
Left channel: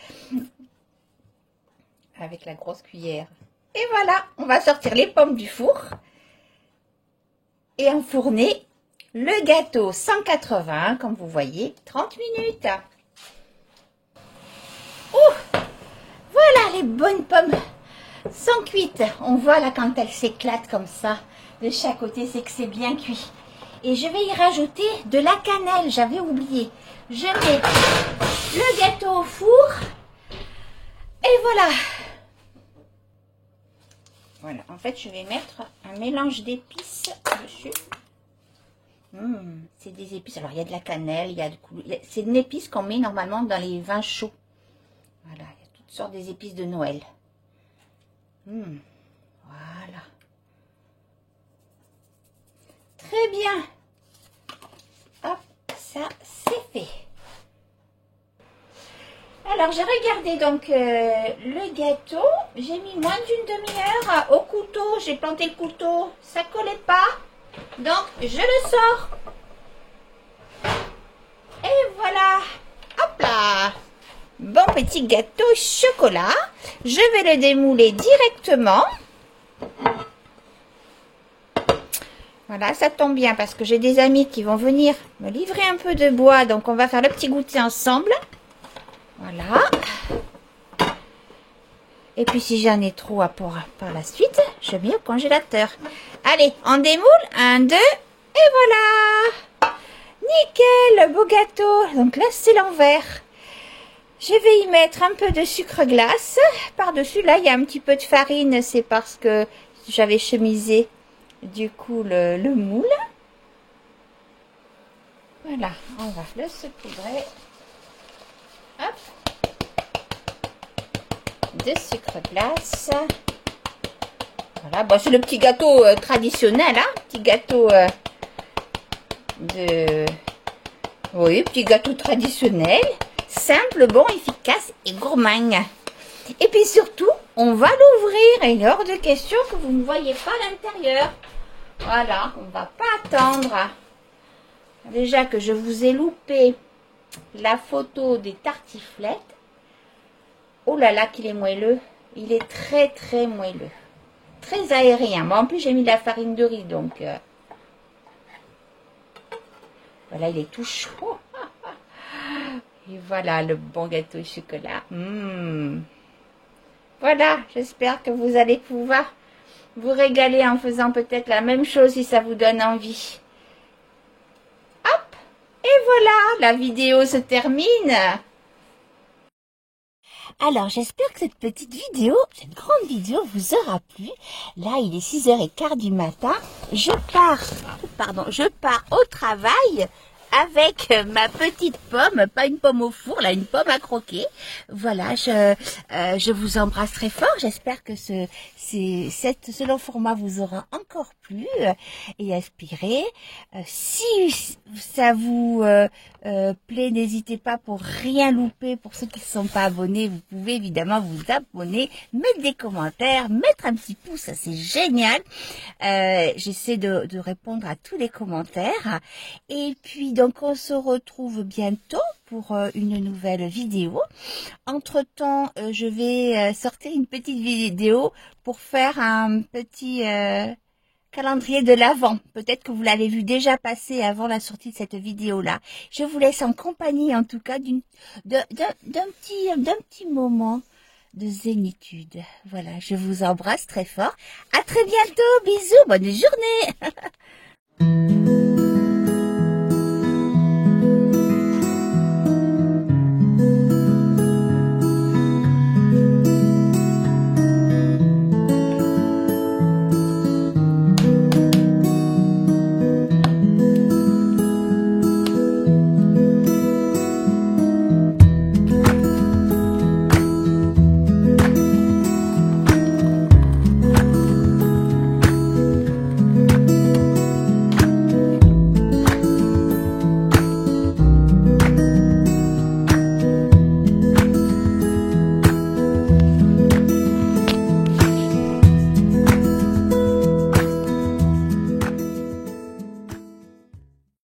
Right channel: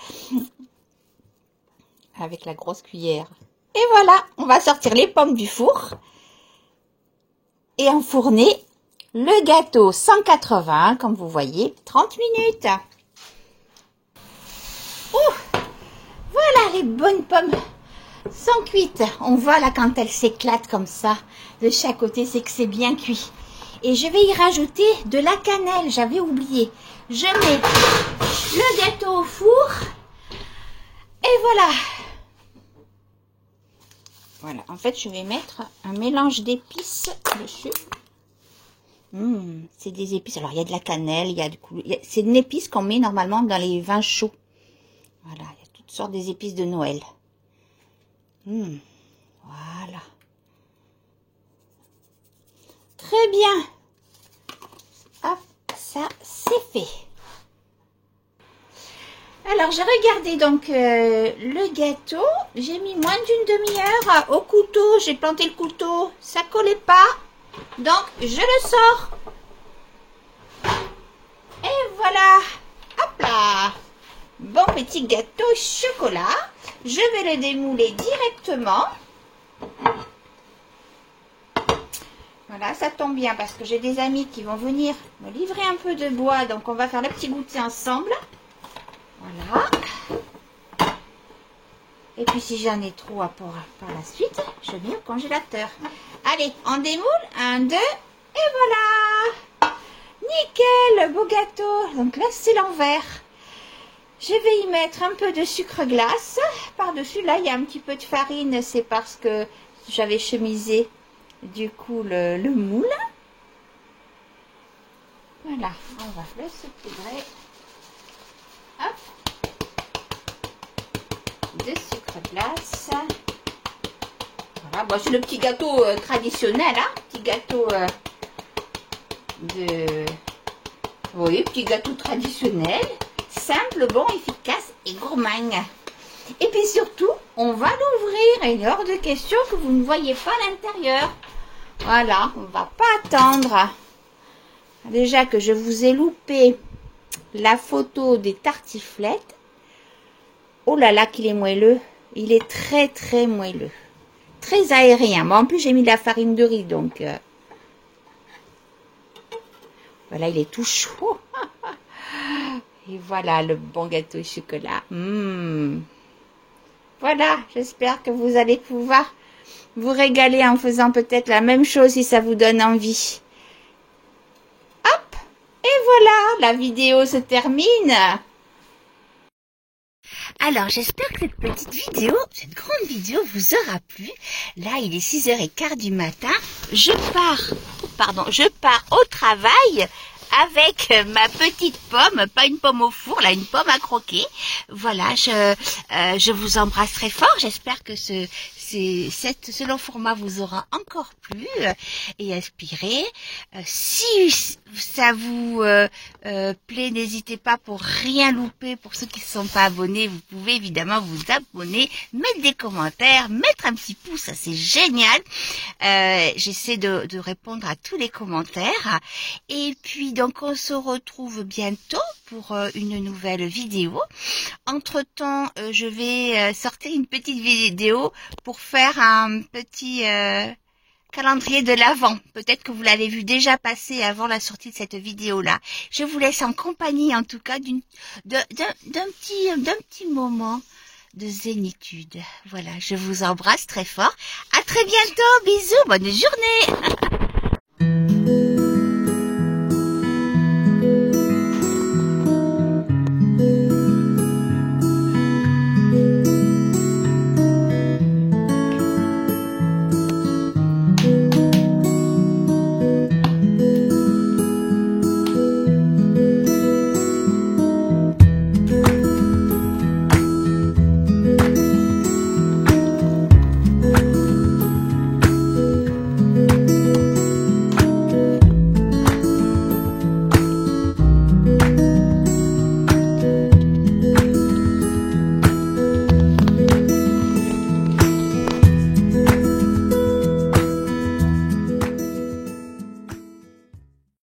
avec la grosse cuillère. Et voilà, on va sortir les pommes du four et enfourner le gâteau 180, comme vous voyez, 30 minutes. Oh, voilà les bonnes pommes. Sans cuite, on voit là quand elles s'éclatent comme ça de chaque côté, c'est que c'est bien cuit. Et je vais y rajouter de la cannelle, j'avais oublié. Je mets le gâteau au four et voilà. Voilà, en fait je vais mettre un mélange d'épices dessus. C'est des épices, alors il y a de la cannelle, c'est une épice qu'on met normalement dans les vins chauds. Voilà, il y a toutes sortes des épices de Noël. Voilà. Très bien. Hop, ça c'est fait. Alors j'ai regardé donc le gâteau. J'ai mis moins d'une demi-heure au couteau. J'ai planté le couteau. Ça collait pas. Donc je le sors. Et voilà. Hop là. Bon petit gâteau chocolat. Je vais le démouler directement. Voilà, ça tombe bien parce que j'ai des amis qui vont venir me livrer un peu de bois. Donc on va faire le petit goûter ensemble. Voilà. Et puis si j'en ai trop à pour par la suite, je mets au congélateur. Allez, on démoule. 1, 2, et voilà. Nickel, le beau gâteau. Donc là, c'est l'envers. Je vais y mettre un peu de sucre glace. Par-dessus, là, il y a un petit peu de farine. C'est parce que j'avais chemisé, du coup, le moule. Voilà, on va le saupoudrer. Hop. De sucre glace. Voilà, bon, c'est le petit gâteau traditionnel, hein. Petit gâteau Oui, petit gâteau traditionnel. Simple, bon, efficace et gourmand. Et puis surtout, on va l'ouvrir. Il est hors de question que vous ne voyez pas l'intérieur. Voilà, on ne va pas attendre. Déjà que je vous ai loupé la photo des tartiflettes. Oh là là, qu'il est moelleux. Il est très très moelleux. Très aérien. Bon, en plus, j'ai mis de la farine de riz, donc... Voilà, il est tout chaud. Et voilà le bon gâteau au chocolat. Voilà, j'espère que vous allez pouvoir vous régaler en faisant peut-être la même chose si ça vous donne envie. Hop, et voilà, la vidéo se termine. Alors, j'espère que cette petite vidéo, cette grande vidéo vous aura plu. Là, il est 6h15 du matin. Je pars au travail avec ma petite pomme, pas une pomme au four, là, une pomme à croquer. Voilà, je vous embrasse très fort. J'espère que ce long format vous aura encore plu et inspiré. Si ça vous plaît, n'hésitez pas pour rien louper. Pour ceux qui ne sont pas abonnés, vous pouvez évidemment vous abonner, mettre des commentaires, mettre un petit pouce, ça c'est génial. J'essaie de répondre à tous les commentaires. Et puis donc on se retrouve bientôt pour une nouvelle vidéo. Entre-temps, je vais sortir une petite vidéo pour faire un petit calendrier de l'Avent. Peut-être que vous l'avez vu déjà passer avant la sortie de cette vidéo-là. Je vous laisse en compagnie, en tout cas, d'un petit moment de zénitude. Voilà, je vous embrasse très fort. À très bientôt. Bisous, bonne journée.